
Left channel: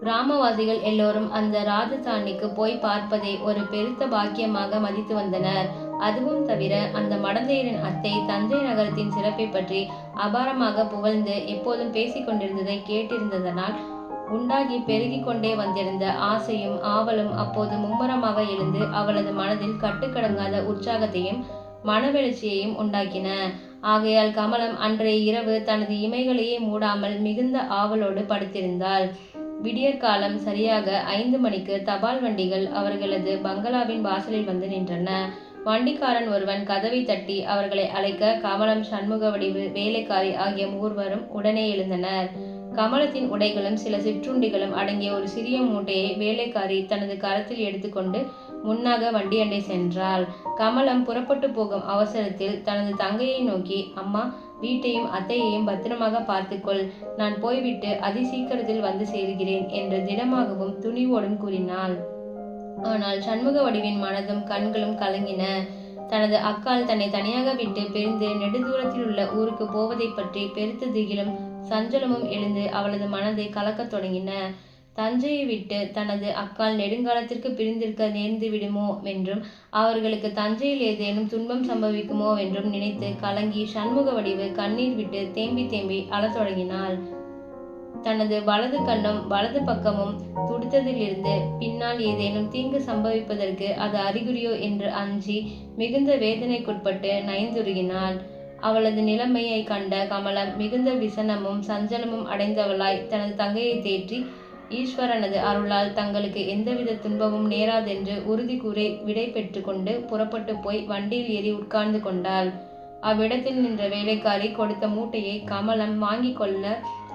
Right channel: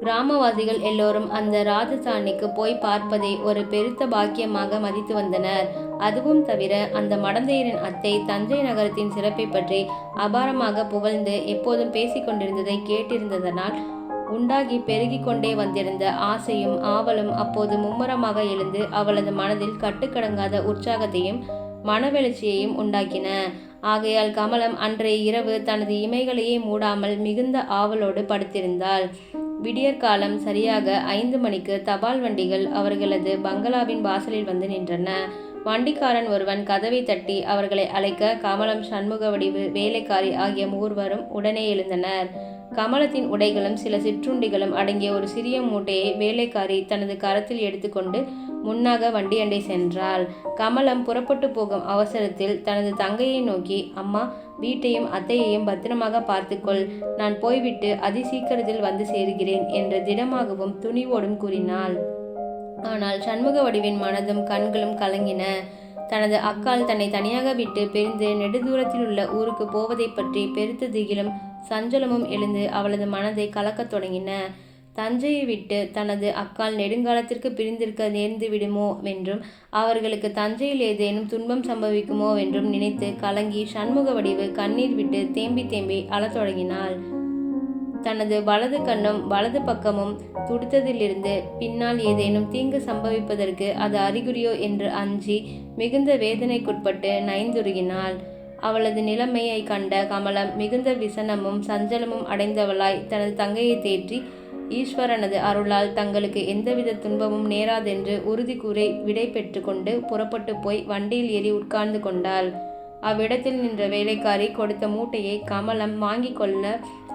கிராமவாசிகள் எல்லோரும் அந்த ராஜசாணிக்கு போய் பார்ப்பதை ஒரு பெருத்த பாக்கியமாக மதித்து வந்தனர். அதுவும் தவிர அந்த மடந்தையரின் அத்தை தஞ்சை நகரத்தின் சிறப்பை பற்றி அபாரமாக புகழ்ந்து எப்போதும் பேசிக்கொண்டிருந்ததை கேட்டிருந்ததனால் உண்டாகி பெருகி கொண்டே வந்திருந்த ஆசையும் ஆவலும் அப்போது மும்முரமாக எழுந்து அவளது மனதில் கட்டுக்கடங்காத உற்சாகத்தையும் மனவெழுச்சியையும் உண்டாக்கின. ஆகையால் கமலம் அன்றைய இரவு தனது இமைகளையே மூடாமல் மிகுந்த ஆவலோடு படுத்திருந்தாள். விடியற்காலம் சரியாக ஐந்து மணிக்கு தபால் வண்டிகள் அவர்களது பங்களாவின் வாசலில் வந்து நின்றன. வண்டிக்காரன் ஒருவன் கதவை தட்டி அவர்களை அழைக்க கமலம் சண்முக வடிவு வேலைக்காரி ஆகிய மூர்வரும் உடனே எழுந்தனர். கமலத்தின் உடைகளும் சில சிற்றுண்டிகளும் அடங்கிய ஒரு சிறிய மூட்டையை வேலைக்காரி தனது கரத்தில் எடுத்துக்கொண்டு முன்னாக வண்டியண்டை சென்றாள். கமலம் புறப்பட்டு போகும் அவசரத்தில் தனது தங்கையை நோக்கி அம்மா வீட்டையும் அத்தையையும் பத்திரமாக பார்த்துக்கொள். நான் போய்விட்டு அதி சீக்கிரத்தில் வந்து சேர்கிறேன் என்று திடமாகவும் துணிவோடும் கூறினாள். ஆனால் சண்முக வடிவின் மனதும் கண்களும் கலங்கின. தனது அக்கால் தன்னை தனியாக விட்டு பிரிந்து நெடுதூரத்தில் உள்ள ஊருக்கு போவதை பற்றி பெருத்த திகிலும் சஞ்சலமும் எழுந்து அவளது மனதை கலக்கத் தொடங்கின. தஞ்சையை விட்டு தனது அக்கால் நெடுங்காலத்திற்கு பிரிந்திருக்க நேர்ந்து விடுமோ என்றும் அவர்களுக்கு தஞ்சையில் ஏதேனும் துன்பம் சம்பவிக்குமோ என்றும் நினைத்து கலங்கி சண்முக வடிவு கண்ணீர் விட்டு தேம்பி தேம்பி அழத் தொடங்கினாள். தனது வலது கண்ணும் வலது பக்கமும் துடித்ததிலிருந்து பின்னால் ஏதேனும் தீங்கு சம்பவிப்பதற்கு அது அறிகுறியோ என்று அஞ்சி மிகுந்த வேதனைக்குட்பட்டு நைந்துருகினாள். அவளது நிலைமையை கண்ட கமலம் மிகுந்த விசனமும் சஞ்சலமும் அடைந்தவளாய் தனது தங்கையை தேற்றி ஈஸ்வரனது அருளால் தங்களுக்கு எந்தவித துன்பமும் நேராதென்று உறுதி கூறி விடை பெற்று கொண்டு புறப்பட்டு போய் வண்டியில் ஏறி உட்கார்ந்து கொண்டாள். அவ்விடத்தில் நின்ற வேலைக்காரி கொடுத்த மூட்டையை கமலம் வாங்கி கொள்ள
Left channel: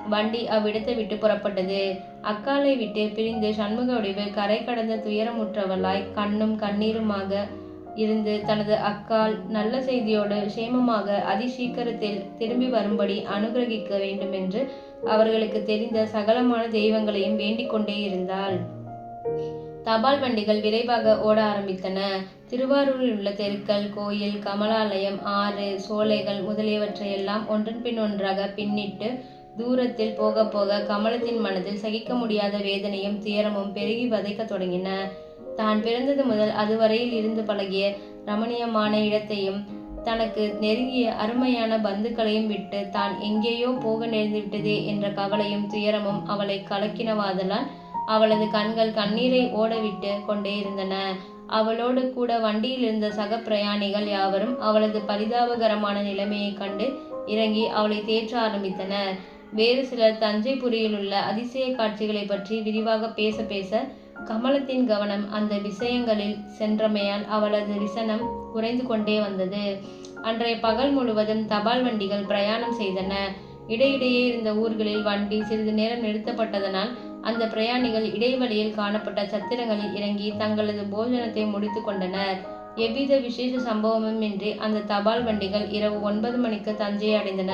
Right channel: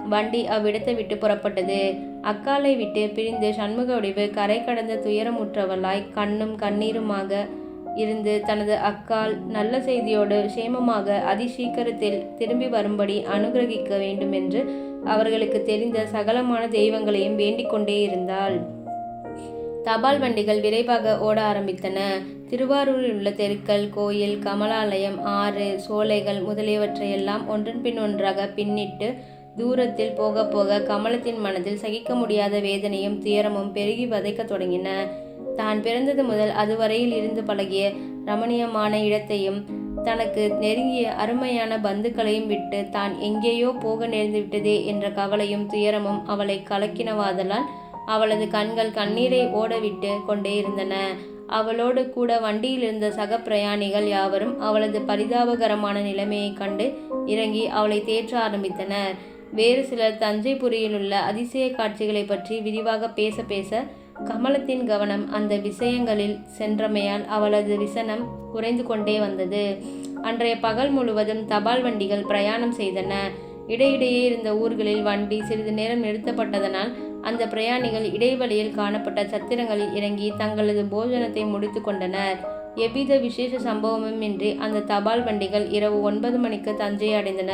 வண்டி அவ்விடத்தை விட்டு புறப்பட்டது. அக்காலை விட்டு பிரிந்து சண்முக வடிவு கரை கடந்த துயரமுற்றவளாய் கண்ணும் கண்ணீருமாக இருந்து தனது அக்கால் நல்ல செய்தியோடு சேமமாக அதிசீக்கிரத்தில் திரும்பி வரும்படி அனுகிரகிக்க வேண்டுமென்று அவர்களுக்கு தெரிந்த சகலமான தெய்வங்களையும் வேண்டிக் கொண்டே இருந்தாள். தபால் வண்டிகள் விரைவாக ஓட ஆரம்பித்தன. திருவாரூரில் உள்ள தெருக்கள் கோயில் கமலாலயம் ஆறு சோலைகள் முதலியவற்றையெல்லாம் ஒன்றன் பின் ஒன்றாக பின்னிட்டு தூரத்தில் போக போக கமலத்தின் மனதில் சகிக்க முடியாத வேதனையும் துயரமும் பெருகி வதைக்கத் தொடங்கின. தான் பிறந்தது முதல் அதுவரையில் இருந்து பழகிய ரமணியமான இடத்தையும் தனக்கு நெருங்கிய அருமையான பந்துக்களையும் விட்டு தான் எங்கேயோ போக நேர்ந்து விட்டதே என்ற கவலையும் துயரமும் அவளை கலக்கினவாதலால் அவளது கண்கள் கண்ணீரை ஓடவிட்டு கொண்டே இருந்தன. அவளோடு கூட வண்டியில் இருந்த சக பிரயாணிகள் யாவரும் அவளது பரிதாபகரமான நிலைமையை கண்டு இறங்கி அவளை தேற்ற ஆரம்பித்தனர். வேறு சிலர் தஞ்சைபுரியில் உள்ள அதிசய காட்சிகளை பற்றி விரிவாக பேச பேச கமலத்தின் கவனம் அந்த விஷயங்களில் சென்றமையால் அவளது விசனம் குறைந்து கொண்டே வந்தது. அன்றைய பகல் முழுவதும் தபால் வண்டிகள் பிரயாணம் செய்தன. இடையிடையே இருந்த ஊர்களில் வண்டி சிறிது நேரம் நிறுத்தப்பட்டதனால் அந்த பிரயாணிகள் இடைவெளியில் காணப்பட்ட சத்திரங்களில் இறங்கி தங்களது போஜனத்தை முடித்து கொண்டனர். எவ்வித விசேஷ சம்பவமும் இன்றி அந்த தபால் வண்டிகள் இரவு ஒன்பது மணிக்கு தஞ்சை அடைந்தன.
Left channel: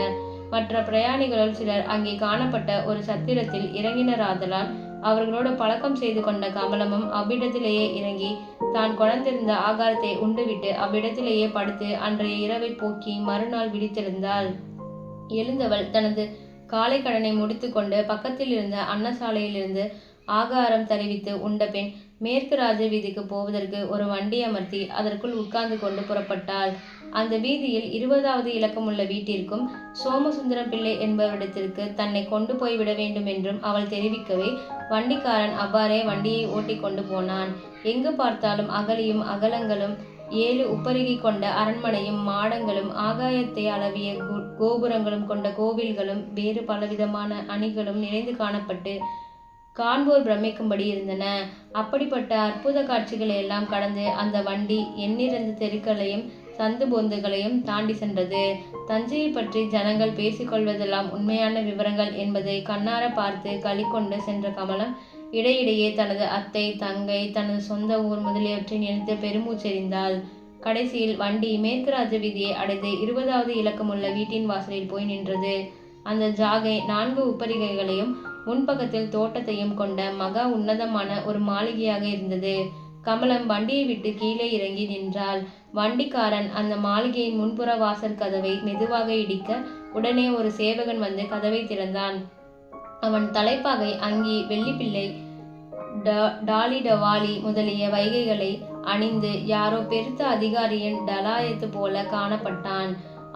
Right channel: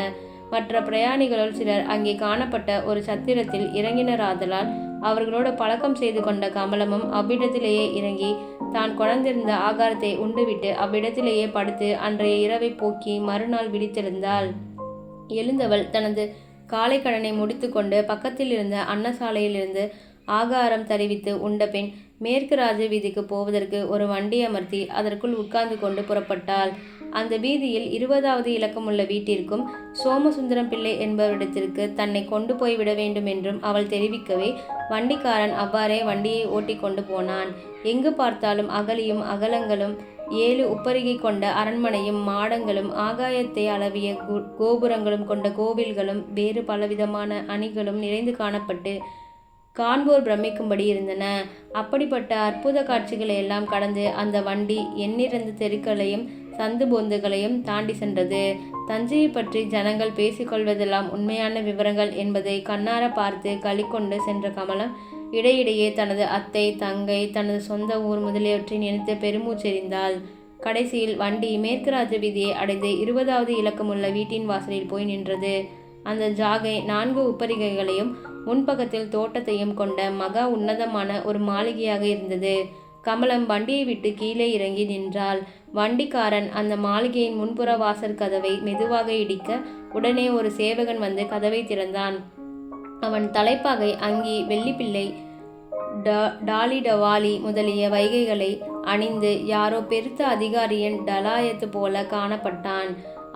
மற்ற பிரயாணிகளுள் சிலர் அங்கே காணப்பட்ட ஒரு சத்திரத்தில் இறங்கினராதலால் அவர்களோடு பழக்கம் செய்து கொண்ட கமலமும் அவ்விடத்திலேயே இறங்கி தான் குழந்திருந்த ஆகாரத்தை உண்டுவிட்டு அவ்விடத்திலேயே படுத்து அன்றைய இரவை போக்கி மறுநாள் விழித்தெழுந்தாள். எழுந்தவள் தனது காலை கடனை முடித்துக்கொண்டு பக்கத்தில் இருந்த அன்னசாலையிலிருந்து ஆகாரம் தருவித்து உண்டபின் மேற்கு ராஜ வீதிக்கு போவதற்கு ஒரு வண்டி அமர்த்தி அதற்குள் உட்கார்ந்து கொண்டு புறப்பட்டாள். அந்த வீதியில் இருபதாவது இலக்கமுள்ள வீட்டிற்கும் சோமசுந்தரம் பிள்ளை என்பவரிடத்திற்கு தன்னை கொண்டு போய் விட வேண்டும் என்றும் அவள் தெரிவிக்கவே வண்டிக்காரன் அவ்வாறே வண்டியை ஓட்டி கொண்டு போனான். எங்கு பார்த்தாலும் அகலியும் அகலங்களும் ஏழு உப்பருகை கொண்ட அரண்மனையும் மாடங்களும் ஆகாயத்தை அளவிய கோபுரங்களும் கொண்ட கோவில்களும் வேறு பலவிதமான அணிகளும் நிறைந்து காணப்பட்டு காண்போர் பிரமிக்கும்படி இருந்தன. அப்படிப்பட்ட அற்புத காட்சிகளை எல்லாம் கடந்து அந்த வண்டி எண்ணிறந்த தெருக்களையும் சந்து பொந்துகளையும் தாண்டி சென்றது. தஞ்சையை பற்றி ஜனங்கள் பேசிக்கொள்வதெல்லாம் உண்மையான விவரங்கள் என்பதை கண்ணார பார்த்து கொண்டு சென்ற கமலம் இடையிடையே தனது அத்தை தங்கை தனது சொந்த ஊர் முதலியவற்றை நினைத்து பெருமூச்செறிந்தாள். கடைசியில் வண்டி மேற்கு ராஜ வீதியை அடைந்து இருபதாவது இலக்கமுள்ள வீட்டின் வாசலில் போய் நின்றது. அந்த ஜாகை நான்கு உப்பரிகைகளையும் முன்பக்கத்தில் தோட்டத்தையும் கொண்ட மகா உன்னதமான ஒரு மாளிகையாக இருந்தது. கமலம் வண்டியை விட்டு கீழே இறங்கி நின்றாள். வண்டிக்காரன் அந்த மாளிகையின் முன்புற வாசல் கதவை மெதுவாக இடிக்க உடனே ஒரு சேவகன் வந்து கதவை திறந்தான். அவன் தலைப்பாகை அங்கி வெள்ளிப்பிள்ளை டாலி டவாலி முதலிய வைகைகளை அணிந்து யாரோ பெருத்த அதிகாரியின் டலாயத்து போல காணப்பட்டான்.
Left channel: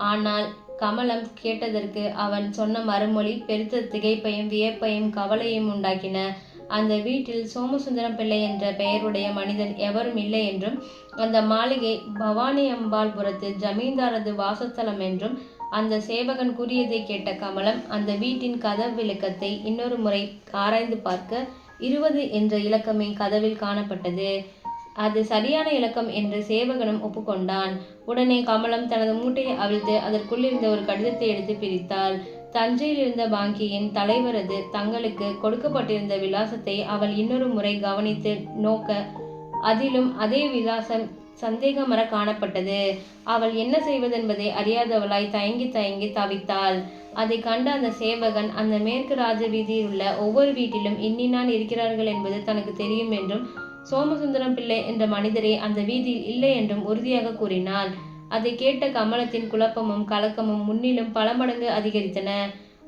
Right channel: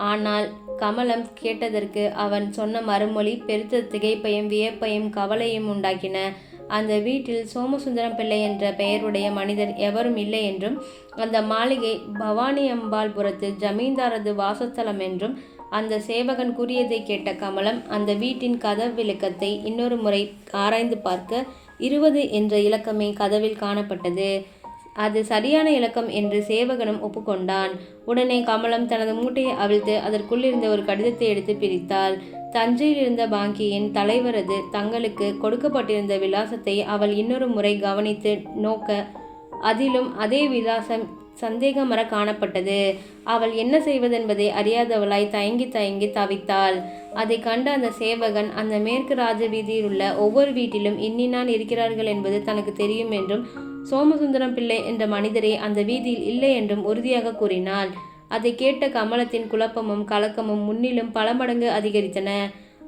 ஆனால் கமலம் கேட்டதற்கு அவன் சொன்ன மறுமொழி பெருத்த திகைப்பையும் வியப்பையும் கவலையும் உண்டாக்கின. அந்த வீட்டில் சோமசுந்தரம் பிள்ளை என்ற பெயருடைய மனிதன் எவரும் இல்லை என்றும் அந்த மாளிகை பவானி அம்பாள்புரத்து ஜமீன்தாரது வாசஸ்தலம் என்றும் அந்த சேவகன் கூறியதை கேட்ட கமலம் அந்த வீட்டின் கதவு விளக்கத்தை இன்னொரு முறை ஆராய்ந்து பார்க்க இருபது என்ற இலக்கமே கதவில் காணப்பட்டது. அது சரியான இலக்கம் என்று சேவகனும் ஒப்புக்கொண்டான். உடனே கமலம் தனது மூட்டையை அவிழ்த்து அதற்குள்ளிருந்த ஒரு கடிதத்தை எடுத்து பிரித்தாள். தஞ்சையில் இருந்த பாங்கியின் தலைவரது தங்களுக்கு கொடுக்கப்பட்டிருந்த விலாசத்தை அவள் இன்னொரு முறை கவனித்து நோக்க அதிலும் அதே விலாசம் சந்தேகமர காணப்பட்டது. அவள் என்ன செய்வதென்பதை அறியாதவளாய் தயங்கி தயங்கி தவித்தாள். அதை கண்ட அந்த சேவகன் அந்த மேற்கு ராஜ வீதியில் உள்ள ஒவ்வொரு வீட்டிலும் இன்னினான் இருக்கிறார்கள் என்பது தனக்கு தெரியும் என்றும் சோமசுந்தரம் பிள்ளை என்ற மனிதரே அந்த வீதியில் இல்லை என்றும் உறுதியாக கூறினாள். அதை கேட்ட கமலத்தின் குழப்பமும் கலக்கமும் முன்னிலும் பல மடங்கு அதிகரித்தன.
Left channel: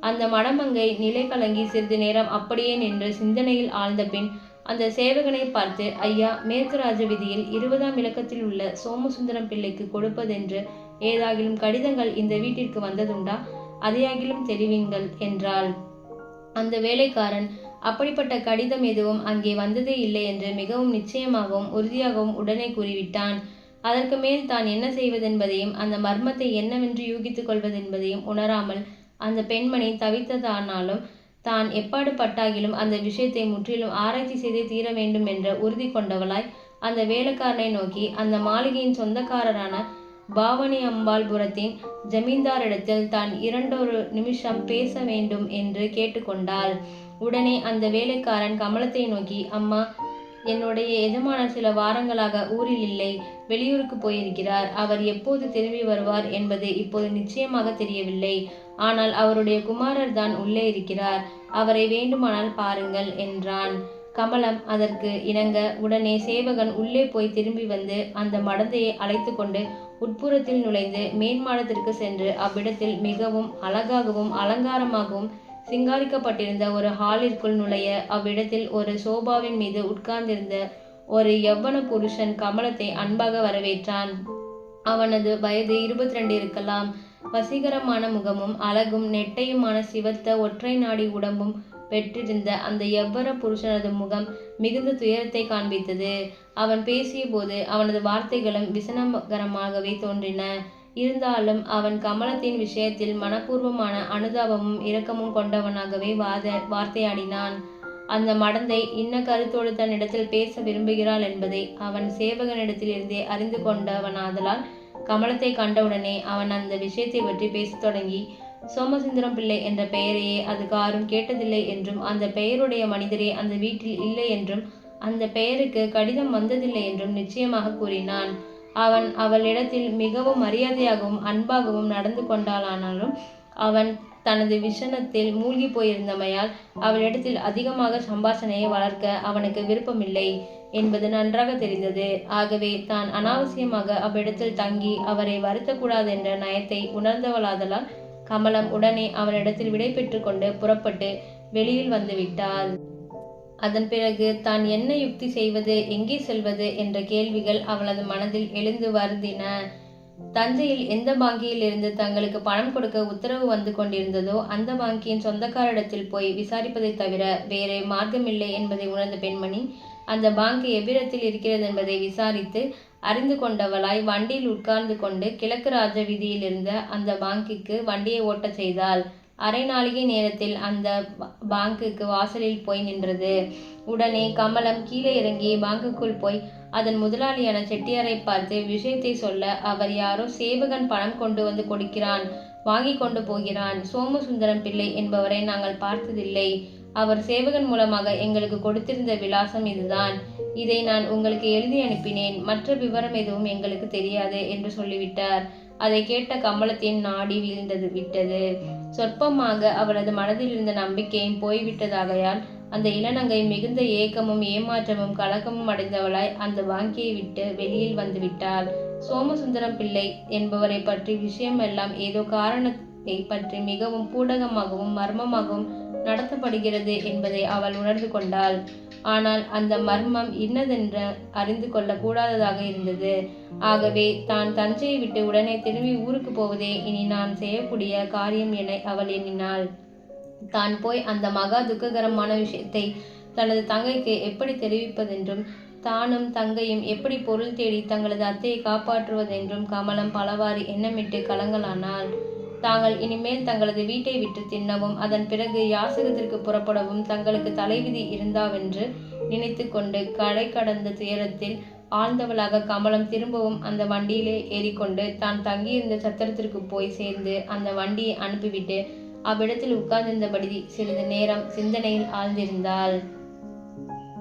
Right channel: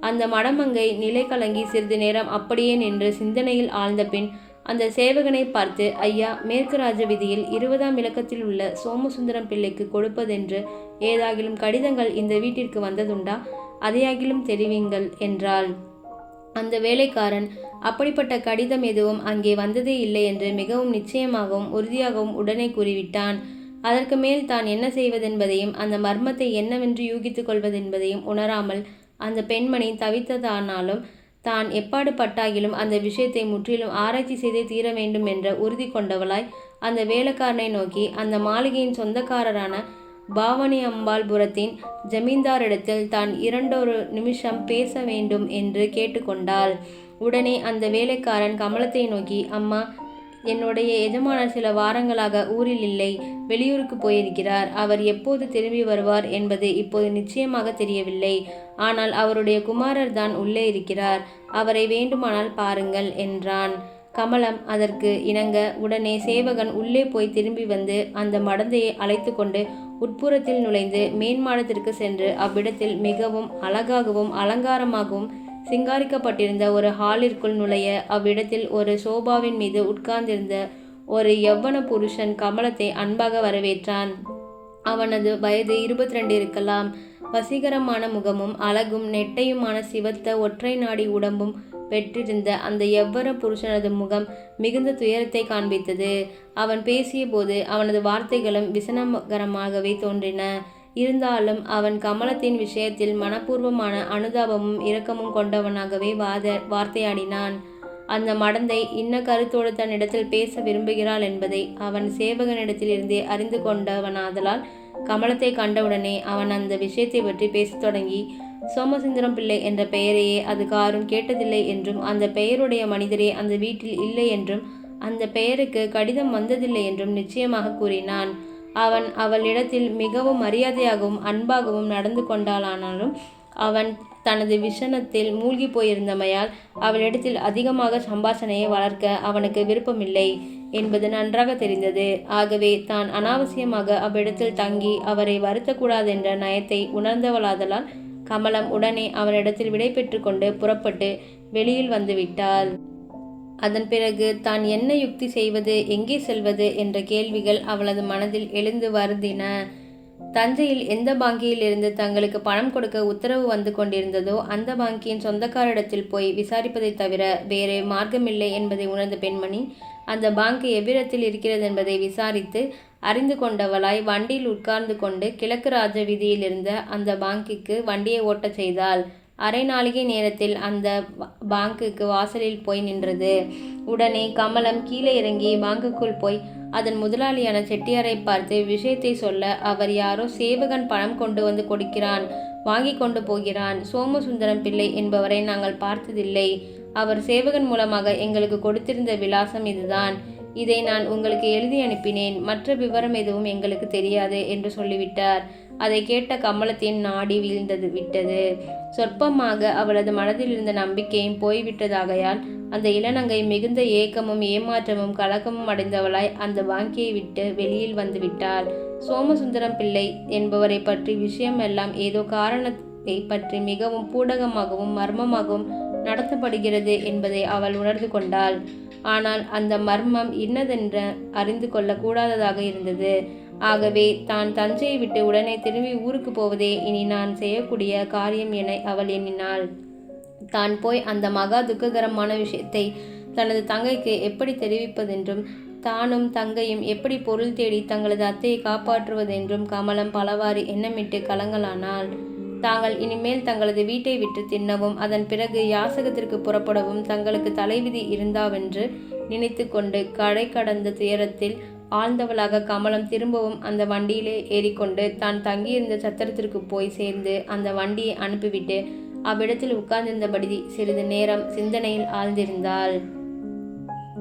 அந்த மடமங்கை நிலை கலங்கி சிறிது நேரம் அப்படியே நின்று சிந்தனையில் ஆழ்ந்த பின் அந்த சேவகனை பார்த்து ஐயா மேற்கு ராஜ விதியில் இருபதாம் இலக்கத்தில் உள்ள சோமசுந்தரம் பிள்ளைக்கு கொடுப்பதென்று ஏதாகிலும் கடிதங்கள் இந்த வீட்டிற்கு வந்ததுண்டா? அதையாகிலும் தெரிவிங்கள் என்றாள். அந்த வேலைக்காரன் அப்படிப்பட்ட கடிதம் எதுவும் அங்கே வந்ததே இல்லை என்று மிகவும் நிச்சயமாகவும் உறுதியாகவும் உடனே கூறிவிட்டான். அதற்கு மேல் தான் என்ன செய்வதென்பதையும் அந்த மர்மத்தை என்னவென்று யூகித்துக் கொள்வதென்பதையும் உணராமல் அந்த பெண்மணி தவித்ததானாலும் தான் எப்பாடு பட்டாகிலும் அந்த விஷயத்தை முற்றிலும் ஆராய்ச்சி செய்தே தீர வேண்டும் என்ற உறுதி கொண்டவளாய் அந்த வேலைக்காரனை நோக்கி அந்த மாளிகையின் சொந்தக்காரரான பாவனி அம்பாள்புரத்தின் ஜமீன்தாரிடத்தில் தான் இரண்டொரு நிமிஷம் பேச வேண்டும் என்று கேட்டுக்கொண்டாள். உடனே அந்த வேலைக்காரன் கமலத்தை நோக்கி அம்மா என்னுடைய எஜமானர் சில வாரங்களாக ஊரில் இல்லை வெளியூருக்கு போயிருக்கிறார். அவர் எப்போது திரும்பி வருவார் என்பது இப்போது நிச்சயமாக தெரியவில்லை. ஆனால் அவருடைய குமாரர் தான் உள்ளே இருக்கிறார். அவரை வேண்டுமானால் பாருங்கள் என்றான். கமலம் அதற்கு இணங்க உடனே சேவகன் உள்ளே போய் திரும்பி வந்து அந்த மடந்தையை அழைத்து கொண்டு உட்புறத்தில் நுழைந்து மேன்மாடத்திற்கு சென்று அவ்விடத்தில் மிகவும் அழகாகவும் அலங்காரமாகவும் சிங்காரிக்கப்பட்டிருந்த ஒரு ஹாலிற்குள் நுழைய அவ்விடத்தில் ஒரு சோபாவின் மீது உட்கார்ந்திருந்த ஒரு யவ்வன புருஷன் கமலத்தை அன்பாக வரவேற்றான். அவனது வயது இருபத்தி ரெண்டு இருக்கலாம். வசீகரமான முகமும் அழகும் நெட்டையுமான சிவத்த ஒற்றை நாடி உடம்பும் பெற்றிருந்த அந்த எவ்வர புருஷனது முகம் மிகுந்த துயரத்தை காண்பித்தது. அவன் பேசியபோது அவனது வார்த்தைகளும் விசனகரமாகவே தோன்றின. இருந்தாலும் அவன் கமலத்தின் விஷயத்தில் மனப்பூர்வமான அனுதாபமும் இரக்கமும் கொண்டவனாகவே வாத வார்த்தையாடினான். அந்த மடந்தை இன்ன கருத்தோடு தன்னிடத்தில் பேச விரும்புகிறாள் என்பதை அவன் சேவகனிடத்திலிருந்தே அறிந்து கொண்டவனாதலால் கமலத்தை கண்டவுடனே அவன் அந்த விஷயத்தை பற்றி பேசத் தொடங்கி சோமசுந்தரம் பிள்ளை என்ற பெயரையே அது காரும் கேட்டதில்லை என்றும் அந்த பெயருடைய மனிதரே அந்த வீட்டில் இல்லை என்றும் அந்த பெயருக்கு கடிதம் வந்ததில்லை என்றும் நிச்சயமாக கூறினான். அவன் அவளிடத்தில் மிகவும் மரியாதையாகவும் அன்பாகவும் நடந்து கொண்டாளானாலும் அவன் தனது விஷணத்தில் மூழ்கி போயிருந்தமையால் அவளிடத்தில் அதிகமாக சம்பாஷணையை வளர்க்க அவனுக்கு விருப்பமில்லை என்பது நன்றாக தெரிந்தது. ஆகவே தான் அனாவசியமாக அவ்விடத்தில் தங்கி அவரை வருத்தக்கூடாதென்ற நயத்தை உணர்ந்தவளாதலால் கமலம் உடனே அவனிடத்தில் விடை பெற்று கொண்டு புறப்பட்டு வெளியில் வந்துவிட்டாள் அதன் பிறகு தான் என்ன யுக்தி செய்வது எங்கே செல்வது என்ற கேள்விகள் அவளது மனதில் எழுந்து வருந்தின. தஞ்சையில் எந்த பாங்கியில் இருந்து தங்களுக்கு பணம் கொடுக்க உத்தரவு வந்து கொண்டிருந்ததோ அந்த பாங்கியின் சொந்தக்காரிடத்தில் போய் விசாரிப்பதை தவிர வேறு மார்க்கமில்லை என்பதை உணர்ந்த பெண்மணி அந்த பாங்கு எவ்விடத்தில் இருக்கிறது என்பதை விசாரித்து அறிந்து கொண்டவளாய் வண்டியில் உட்கார்ந்து கொண்டு கிழக்கு ராஜ வீதியில் இருந்த அந்த பாங்கிக்கு வண்டியை ஓட்டச் செய்தாள். அரை நாளிகை நேரத்தில் அந்த பாங்குக்கு வாசலில் போய் நின்றது. உடனே கமலம் கீழே இறங்கி பாங்குக்குள் போய் அதன் முதலாளியான செட்டியாரை பார்த்து விஷயத்தை சொல்ல அவர் யாரோ சேவகன் பணம் கொண்டு வந்து கொடுக்கிறான் வாங்கி கொண்டு போகிறான். சோமசுந்தரம் பிள்ளை என்பவரை நாங்கள் பார்த்ததில்லை. அவர் சேவகன் மூலமாக எங்களுக்கு கொடுத்திருந்த விலாசம் இதுதான். இதை நான் உங்களுக்கு எழுதி அனுப்பினேன். மற்ற விவரம் எதுவும் எங்களுக்கு தெரியாது என்று சொல்லிவிட்டார். அதை கேட்ட கமலத்தின் நாடி வீழ்ந்தது விட்டது. சொற்பமாக அவளது மனதில் இருந்த நம்பிக்கையும் போய்விட்டதாகையால் அந்த இளநங்கை மிகுந்த ஏக்கமும் ஏமாற்றமும் கலக்கமும் அடைந்தவளாய் அந்த வாங்கியை விட்டு வெளியில் வந்து விட்டாள். சோமசுந்தரம் பிள்ளை என்பவரை பற்றி விஷயம் எல்லாம் ஏதோ காரணத்தை பற்றி மிகவும் பூடகமாகவும் மர்மமாகவும் நடத்தப்படுகிறது என்பதை அவள் உணர்ந்து கொண்டாள். ஆனால் அந்த மர்மம் இன்னதென்று அறிந்து கொள்ளக்கூடாததாக இருந்தது. ஆகவே தான் தஞ்சையை விட்டு உடனே திரும்பி ஊருக்கு போவதே இனி நான் செய்யக்கூடிய காரியம் என அவள் எண்ணினாள். தான் போய் அந்த மகா துக்ககரமான விஷயத்தை தனது தங்கைக்கு எப்படி தெரிவிப்பதென்றும் தானும் தங்கையும் எப்படி பொருள் தேடி தங்களது அத்தையை காப்பாற்றுவதென்றும் கமலம் பலவாறு எண்ணமிட்டு கலங்கலானாள். தாங்கள் இனிமேல் தங்களது வீட்டை விட்டு தின்னவும் அதன் பிறகு யாசகத்திற்கு புறப்படவும் தங்களுக்கு தலைவிதி இருந்தாவென்று நினைத்து கொண்டு கடை கடந்த துயரத்தில் ஆழ்ந்தவளாக கமலம் திரும்பவும் அந்த வண்டியிலே ஏறிக்கொண்டு தான் தங்கியிருந்த சத்திரத்திற்கு போய் சேர்ந்து அந்த வண்டியை அனுப்பிவிட்டு அவ்விடத்தில் உட்கார்ந்திருந்தபடி சிறிது நேரம் சிந்தனையில் ஆழ்ந்திருந்தாள்.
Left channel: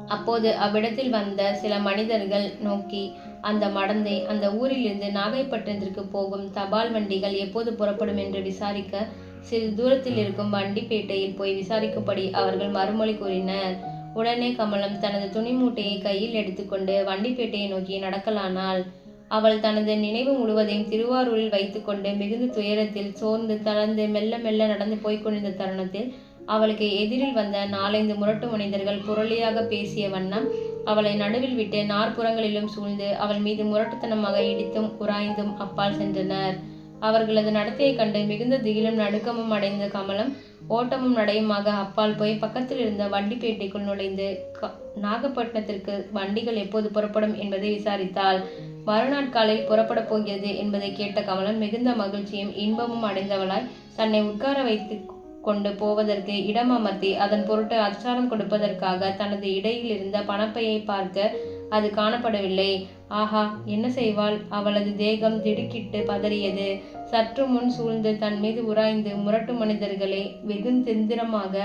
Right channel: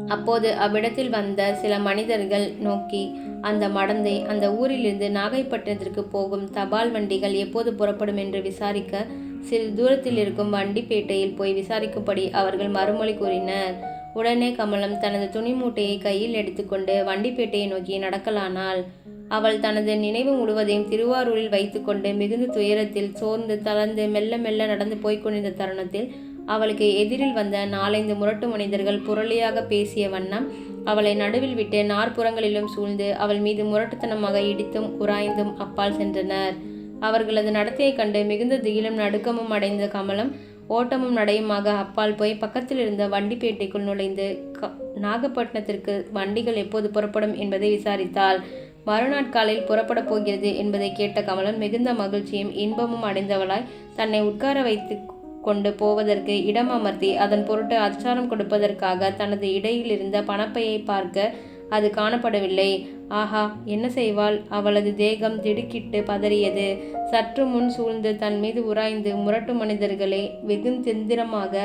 அப்போது அவ்விடத்தில் வந்த சில மனிதர்கள் நோக்கி அந்த மடந்தை அந்த ஊரிலிருந்து நாகைப்பட்டினத்திற்கு போகும் தபால் வண்டிகள் எப்போது புறப்படும் என்று விசாரிக்க சிறிது தூரத்தில் இருக்கும் வண்டிப்பேட்டையில் போய் விசாரிக்கும்படி அவர்கள் மறுமொழி கூறினர். உடனே கமலம் தனது துணி மூட்டையை கையில் எடுத்துக்கொண்டு வண்டிப்பேட்டையை நோக்கி நடக்கலானாள். அவள் தனது நினைவு முழுவதையும் திருவாரூரில் வைத்துக்கொண்டு மிகுந்த துயரத்தில் சோர்ந்து தளர்ந்து மெல்ல மெல்ல நடந்து போய்கொண்டிருந்த தருணத்தில் அவளுக்கு எதிரில் வந்த நாலைந்து முரட்டு மனிதர்கள் புரளியாக பேசிய வண்ணம் அவளை நடுவில் விட்டு நாற்புறங்களிலும் சூழ்ந்து அவள் மீது முரட்டுத்தனமாக இடித்தும் உராய்ந்தும் அப்பால் சென்றனர். அவர்களது நடத்தையை கண்டு மிகுந்த திகிலும் நடுக்கமும் அடைந்த கமலம் ஓட்டமும் நடையுமாக. அப்பால் போய் பக்கத்தில் இருந்த வண்டிப்பேட்டைக்குள் நுழைந்து நாகப்பட்டினத்திற்கு வண்டிகள் எப்போது புறப்படும் என்பதை விசாரித்தாள். மறுநாட்காலில் புறப்படப் போகிறது என்பதை கேட்ட கமலம் மிகுந்த மகிழ்ச்சியும் இன்பமும் அடைந்தவளாய் தன்னை உட்கார வைத்து கொண்டு போவதற்கு இடம் அமர்த்தி அதன் பொருட்டு அச்சாரம் கொடுப்பதற்காக தனது இடையில் இருந்த பணப்பையை பார்க்க அது காணப்படவில்லை. ஆஹா என்ன செய்வாள்? அவளது தேகம் திடுக்கிட்டு பதறியது. சற்று முன் சூழ்ந்து தன் மீது உராய்ந்து முரட்டு மனிதர்களை வெகுந்தெந்திரமாக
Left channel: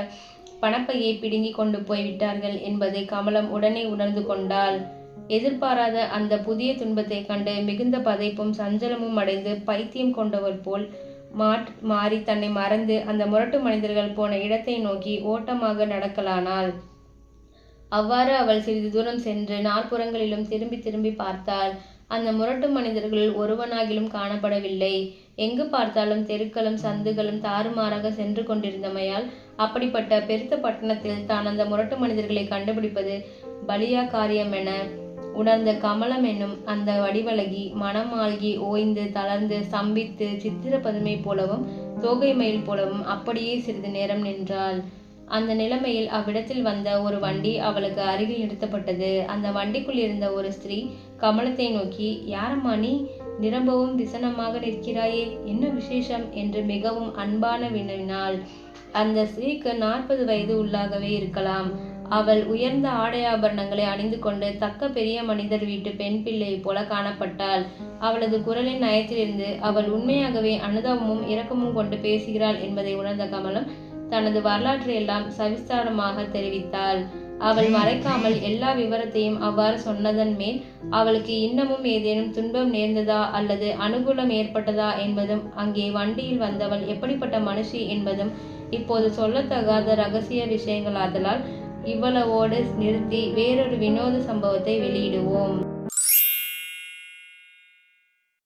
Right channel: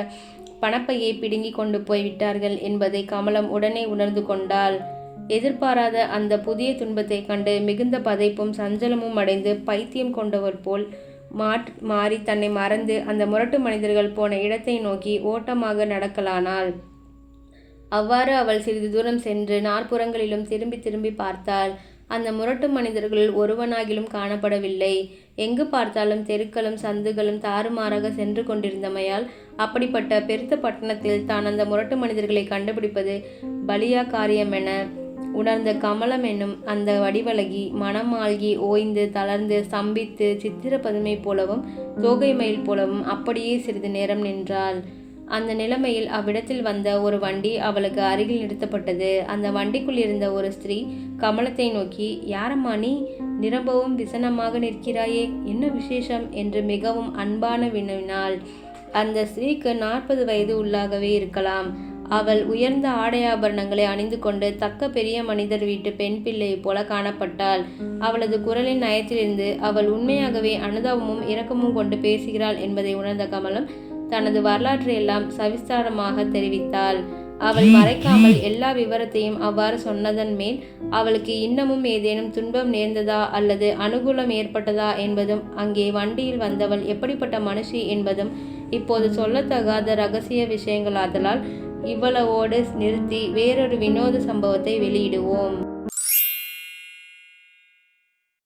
பணப்பையை பிடுங்கி கொண்டு போய்விட்டார்கள் என்பதை கமலம் உடனே உணர்ந்து கொண்டாள். எதிர்பாராத அந்த புதிய துன்பத்தை கண்டு மிகுந்த பதைப்பும் சஞ்சலமும் அடைந்து பைத்தியம் கொண்டவர் போல் மாட் மாறி தன்னை மறந்து அந்த முரட்டு மனிதர்கள் போன இடத்தை நோக்கி ஓட்டமாக நடக்கலானாள். அவ்வாறு அவள் சிறிது தூரம் சென்று நாற்புறங்களிலும் திரும்பி திரும்பி பார்த்தாள். அந்த முரட்டு மனிதர்கள் ஒருவனாகிலும் காணப்படவில்லை. எங்கு பார்த்தாலும் தெருக்களும் சந்துகளும் தாறுமாறாக சென்று கொண்டிருந்தமையால் அப்படிப்பட்ட பெருத்த பட்டணத்தில் தான் அந்த முரட்டு மனிதர்களை கண்டுபிடிப்பது பலியா காரியம் என உணர்ந்த கமலம் என்னும் அந்த வடிவழகி மனமாழ்கி ஓய்ந்து தளர்ந்து ஸ்தம்பித்து சித்திர பதுமை போலவும் தோகை மயில் போலவும் அப்படியே சிறிது நேரம் நின்றாள். அந்த நிலைமையில் அவ்விடத்தில் வந்த ஒரு வண்டி அவளுக்கு அருகில் நிறுத்தப்பட்டது. அந்த வண்டிக்குள் இருந்த ஒரு ஸ்திரீ கமலத்தை நோக்கி யாரம்மா நீ? நிரம்பவும் விசனமாக நிற்கிறாயே. என்ன விசேஷம்? என்று மிகவும் அன்பான வினவினாள். அந்த ஸ்திரீக்கு நாற்பது வயது உள்ளாகவே இருக்கலாம். அவள் உயர்ந்த ஆடையாபரணங்களை அணிந்து கொண்டு தக்க பெரிய மனிதர் வீட்டு பெண் பிள்ளை போல காணப்பட்டாள். அவளது குரலின் நயத்திலிருந்து அவள் உண்மையாகவே அனுதாபமும் இரக்கமும் கொண்டு பேசுகிறாள் என்பதை உணர்ந்த கமலம் தனது வரலாற்றை எல்லாம் சவிஸ்தாரமாக தெரிவித்தாள். அவள் மறைக்காமல் எல்லா விவரத்தையும் அவ்வாறு சொன்னதன் மேல் அவளுக்கு இன்னமும் ஏதேனும் துன்பம் நேர்ந்ததா அல்லது அனுகூலம் ஏற்பட்டதா என்பதும் அங்கே வண்டியில் வந்தவள் எப்படிப்பட்ட மனுஷி என்பதும் இப்போது சொல்லத்தகாத ரகசிய விஷயங்கள் ஆதலால் இவ்வளவோடு நிறுத்தி வேறொரு வினோத சம்பவத்தை வெளியிடுவோம்.